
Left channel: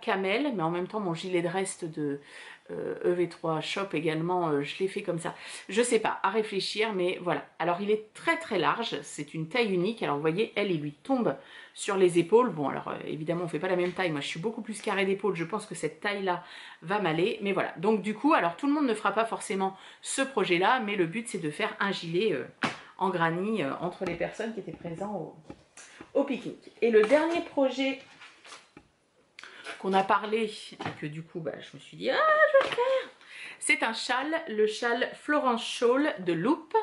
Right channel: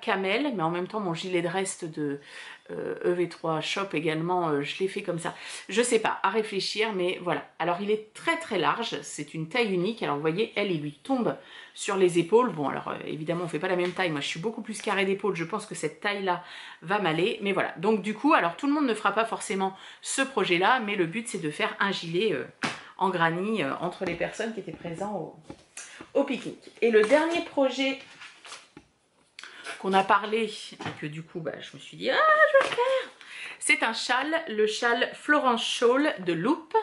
camel, mais en même temps mon gilet de reste de EV3 Shop également, je l'ai fait comme ça. Je sais pas, à réfléchir, mais voilà. Alors il est très large, c'est une taille unique. Alors vous voyez, il lui tombe sur les épaules. Bon, alors évidemment, on fait pas la même taille. Moi, je suis beaucoup plus carré d'épaule. Je pense que cette taille-là va m'aller. Mais voilà. Donc du coup, alors tout le monde ne fera pas forcément ce projet-là, mais le but, c'est de faire un gilet en granit entre les personnes qui étaient présentes au pique-nique. Et le dernier projet qu'on a parlé, et que du coup, bah, je me suis dit, ah, je vais le faire. C'est un châle, le châle Florence Shawl de Loop,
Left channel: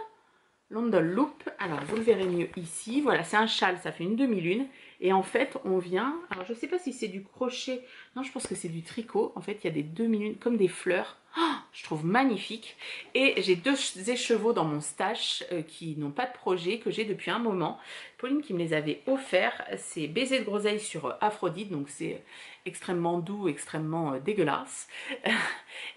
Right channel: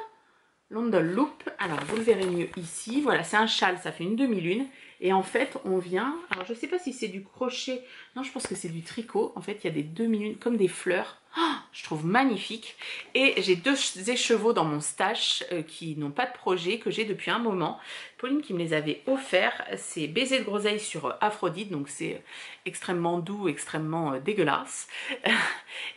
London Loop. Alors, vous le verrez mieux ici. Voilà, c'est un châle, ça fait une demi-lune. Et en fait, on vient, alors je ne sais pas si c'est du crochet, non, je pense que c'est du tricot. En fait, il y a des demi-lunes comme des fleurs. Oh, je trouve magnifique. Et j'ai 2 écheveaux dans mon stash qui n'ont pas de projet, que j'ai depuis un moment. Pauline qui me les avait offerts, c'est Baiser de groseille sur Aphrodite, donc c'est extrêmement doux, extrêmement dégueulasse.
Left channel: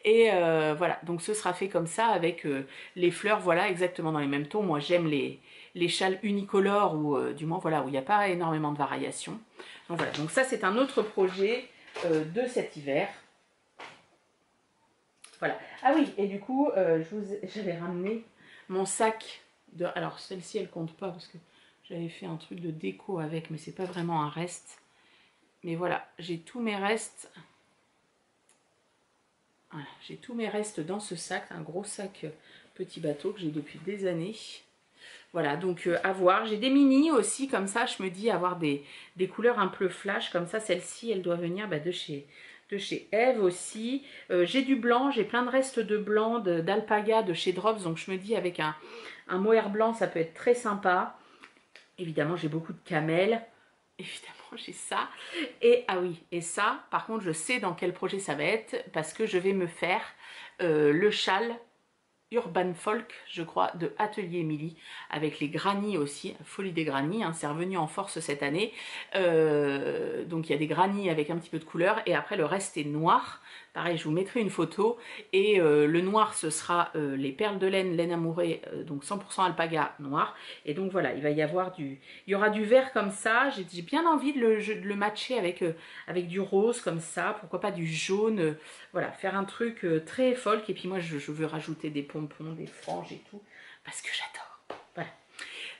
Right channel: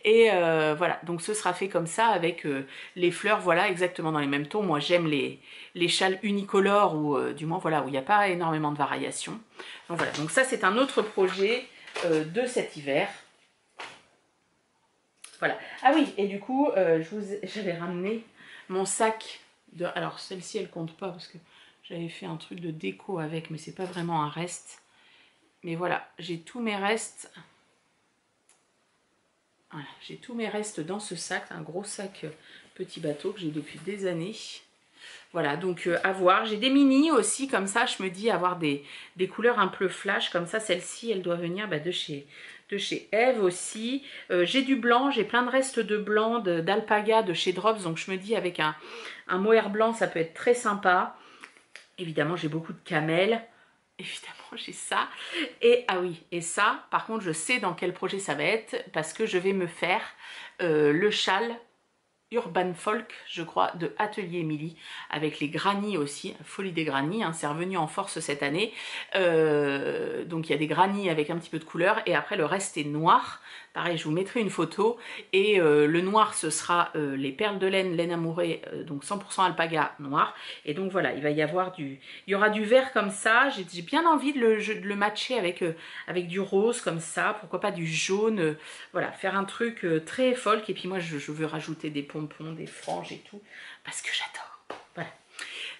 Et voilà, donc ce sera fait comme ça avec les fleurs, voilà, exactement dans les mêmes tons. Moi j'aime les châles unicolores ou du moins voilà, où il n'y a pas énormément de variations. Donc voilà, donc ça c'est un autre projet de cet hiver. Voilà. Ah oui, et du coup, j'avais ramené mon sac de... Alors, celle-ci, elle compte pas parce que j'avais fait un truc de déco avec, mais c'est pas vraiment un reste. Mais voilà, j'ai tous mes restes. Voilà, j'ai tous mes restes dans ce sac, un gros sac petit bateau que j'ai depuis des années. Voilà, donc à voir. J'ai des mini aussi, comme ça, je me dis avoir des couleurs un peu flash. Comme ça, celle-ci, elle doit venir de chez Eve aussi. J'ai du blanc, j'ai plein de restes de blanc, d'alpaga de chez Drops. Donc je me dis avec un mohair blanc, ça peut être très sympa. Évidemment, j'ai beaucoup de camel. Évidemment, j'ai ça. Et ah oui, et ça, par contre, je sais dans quel projet ça va être parce que je vais me faire le châle Urban Folk, je crois, de Atelier Émilie, avec les granits aussi, folie des granits, hein, c'est revenu en force cette année. Donc il y a des granits avec un petit peu de couleur, et après le reste est noir, pareil, je vous mettrai une photo. Et le noir, ce sera les perles de laine, laine amourée, donc 100% alpaga noir. Et donc voilà, il va y avoir il y aura du vert comme ça. J'ai bien envie de le matcher avec du rose comme ça, pourquoi pas du jaune. Voilà, faire un truc très folk. Et puis moi, je veux rajouter des pompons, des franges et tout, parce que j'adore. Voilà.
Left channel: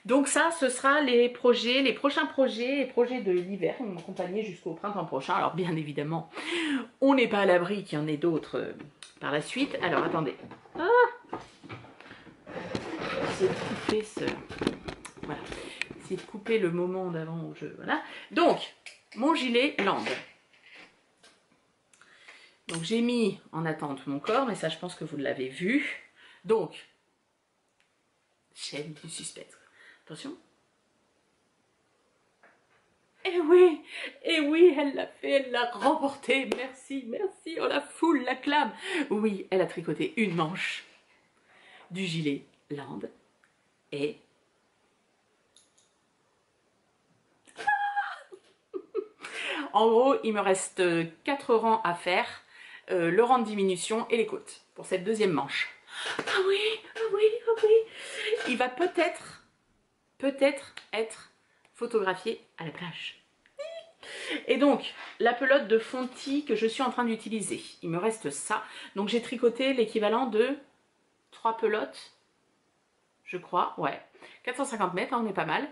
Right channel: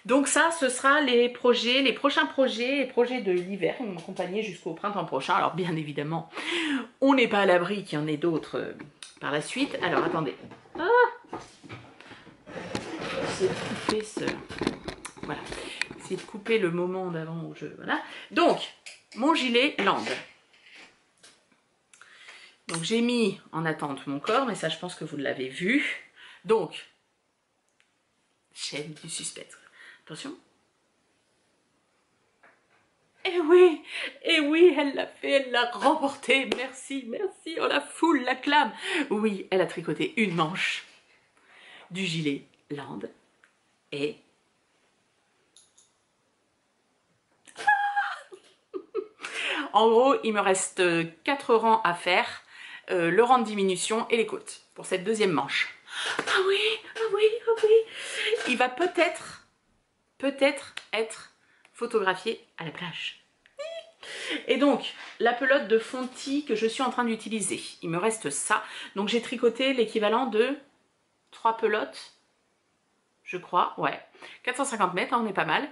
Donc ça, ce sera les prochains projets, les projets de l'hiver. Ils vont m'accompagner jusqu'au printemps prochain. Alors bien évidemment, on n'est pas à l'abri qu'il y en ait d'autres par la suite. Alors attendez. Essayer de couper ce... Voilà. Essayer de couper le moment d'avant où je... Voilà. Donc, mon gilet Land. Donc j'ai mis en attente mon corps, mais ça je pense que vous l'avez vu. Donc, chaîne du suspense. Attention. Eh oui, elle l'a fait, elle l'a remporté. Merci, merci. Oh, la foule l'acclame. Oui, elle a tricoté une manche du gilet Land et... En gros, il me reste 4 rangs à faire, le rang de diminution et les côtes pour cette deuxième manche. Ah oui, ah oui, ah oui. Il va peut-être être photographié à la plage. Et donc, la pelote de Fonty que je suis en train d'utiliser, il me reste ça. Donc j'ai tricoté l'équivalent de 3 pelotes, je crois, ouais. 450 mètres, hein, on est pas mal.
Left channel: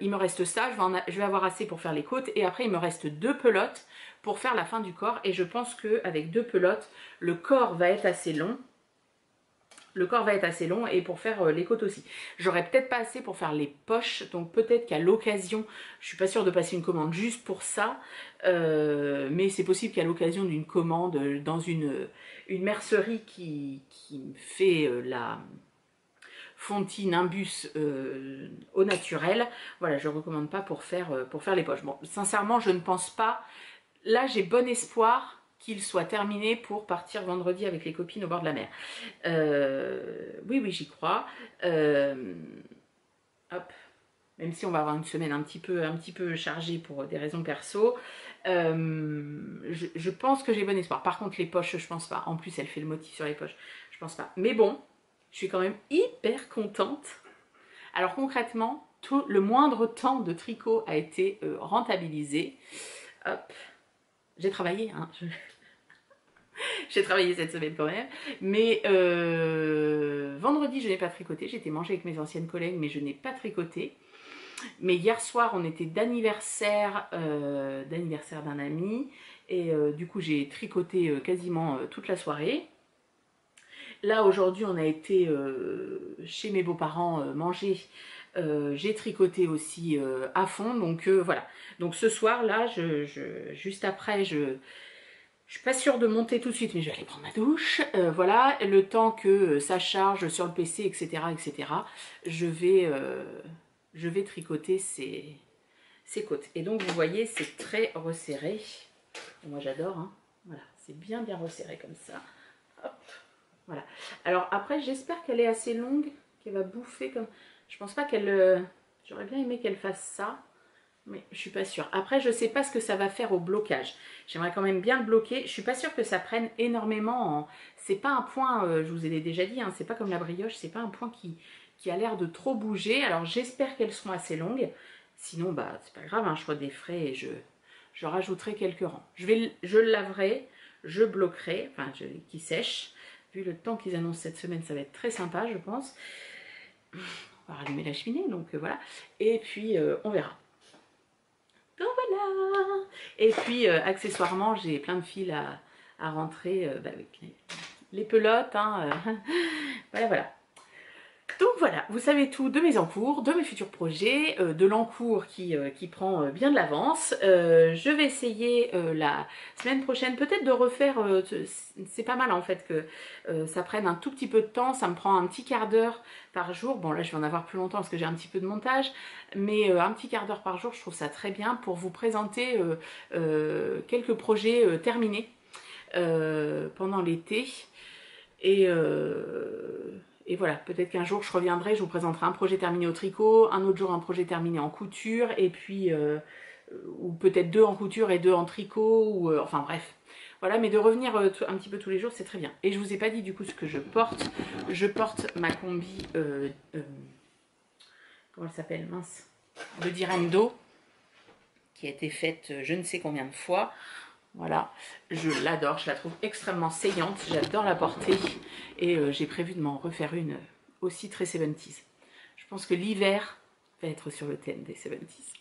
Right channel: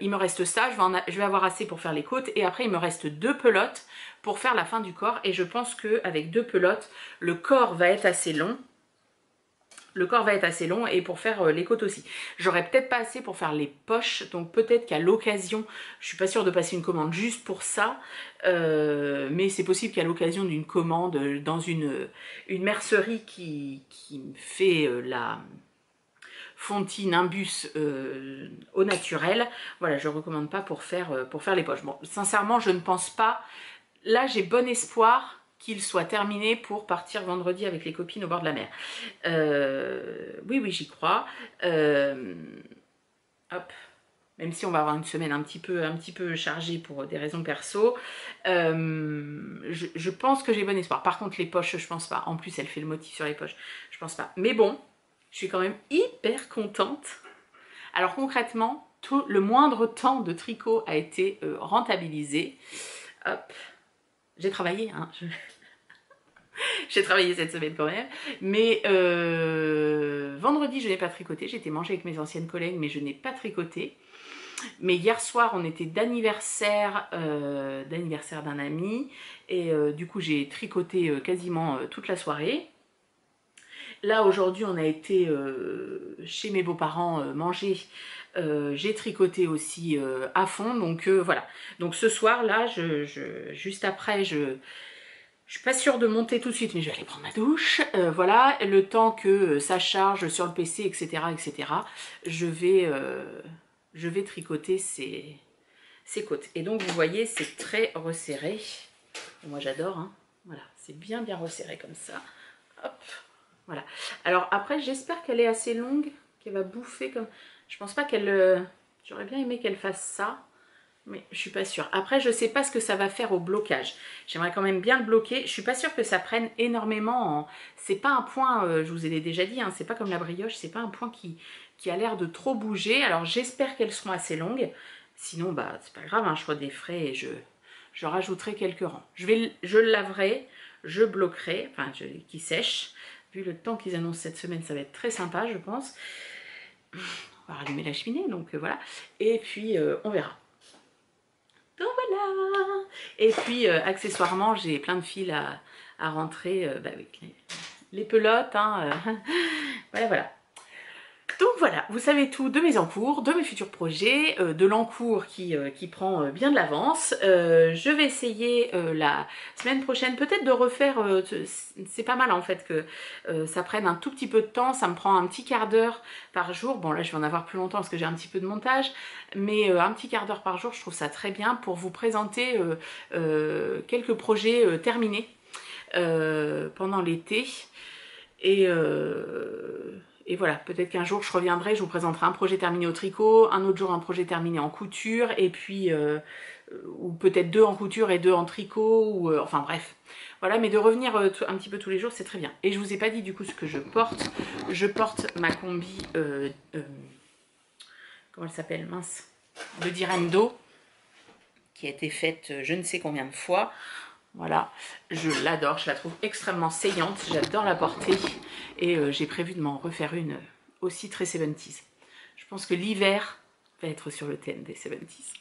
Il me reste ça, je vais avoir assez pour faire les côtes. Et après, il me reste 2 pelotes pour faire la fin du corps. Et je pense qu'avec 2 pelotes, le corps va être assez long. Le corps va être assez long et pour faire les côtes aussi. J'aurais peut-être pas assez pour faire les poches, donc peut-être qu'à l'occasion, je suis pas sûre de passer une commande juste pour ça, mais c'est possible qu'à l'occasion d'une commande dans une mercerie qui me fait la Fonty Nimbus au naturel, voilà, je recommande pas pour faire les poches. Bon, sincèrement, je ne pense pas. Là, j'ai bon espoir qu'il soit terminé pour partir vendredi avec les copines au bord de la mer. Oui, j'y crois. Hop. Même si on va avoir une semaine un petit peu chargée pour des raisons perso, je pense que j'ai bon espoir. Par contre, les poches, je pense pas. En plus, elle fait le motif sur les poches. Je pense pas. Mais bon, je suis quand même hyper contente. Alors concrètement, le moindre temps de tricot a été rentabilisé. Hop. J'ai travaillé, hein. J'ai travaillé cette semaine quand même, mais vendredi je n'ai pas tricoté, j'ai été manger avec mes anciennes collègues mais je n'ai pas tricoté. Mais hier soir on était d'anniversaire d'un ami et du coup j'ai tricoté quasiment toute la soirée. Là aujourd'hui on a été chez mes beaux-parents manger, j'ai tricoté aussi à fond, donc voilà. Donc ce soir là, juste après je suis pas sûre de monter tout de suite, mais je vais aller prendre ma douche. Voilà, le temps que ça charge sur le PC, etc., je vais tricoter ces côtes. Et donc, vous voyez, c'est très resserré. Moi, j'adore, hein. Voilà, c'est bien resserré comme ça. Hop, voilà. Alors après, j'espère qu'elle est assez longue, qu'elle va bouffer comme... Je pense pas qu'elle... J'aurais bien aimé qu'elle fasse ça. Mais je suis pas sûre. Après, je sais pas ce que ça va faire au blocage. J'aimerais quand même bien le bloquer. Je suis pas sûre que ça prenne énormément en... C'est pas un point, je vous ai déjà dit, hein, c'est pas comme la brioche, c'est pas un point qui a l'air de trop bouger. Alors j'espère qu'elles seront assez longues. Sinon, bah c'est pas grave, hein, je redéferai et je rajouterai quelques rangs. Je le laverai, je bloquerai, enfin qui sèche. Vu le temps qu'ils annoncent cette semaine, ça va être très sympa, je pense. On va rallumer la cheminée, donc voilà. Et puis on verra. Donc voilà. Et puis accessoirement j'ai plein de fils à rentrer, bah oui, les pelotes, hein, voilà. Donc voilà, vous savez tout de mes encours, de mes futurs projets, de l'encours qui prend bien de l'avance. Je vais essayer la semaine prochaine peut-être de refaire, c'est pas mal en fait que ça prenne un tout petit peu de temps, ça me prend un petit quart d'heure par jour. Bon là je vais en avoir plus longtemps parce que j'ai un petit peu de montage, mais un petit quart d'heure par jour, je trouve ça très bien pour vous présenter quelques projets terminés pendant l'été. Et voilà, peut-être qu'un jour je reviendrai, je vous présenterai un projet terminé au tricot, un autre jour un projet terminé en couture, et puis ou peut-être 2 en couture et 2 en tricot, ou enfin bref. Voilà, mais de revenir un petit peu tous les jours, c'est très bien. Et je vous ai pas dit du coup ce que je porte. Je porte ma combi, comment elle s'appelle, mince, de Direndo, qui a été faite je ne sais combien de fois. Voilà, je l'adore, je la trouve extrêmement saillante, j'adore la porter. Et j'ai prévu de m'en refaire une aussi très 70s. Je pense que l'hiver va être sur le thème des 70s.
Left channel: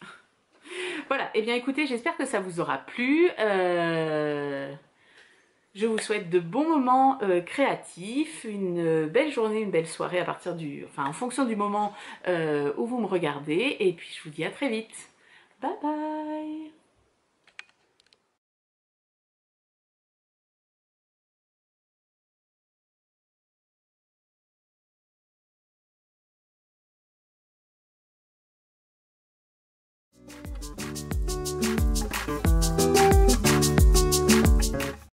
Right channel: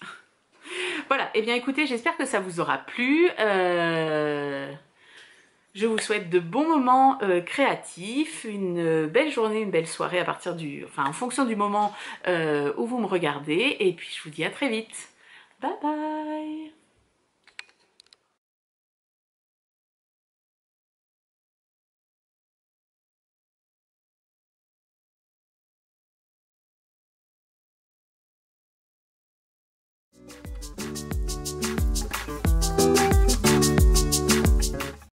Voilà, et bien écoutez, j'espère que ça vous aura plu. Je vous souhaite de bons moments créatifs, une belle journée, une belle soirée à partir en fonction du moment où vous me regardez. Et puis je vous dis à très vite. Bye bye!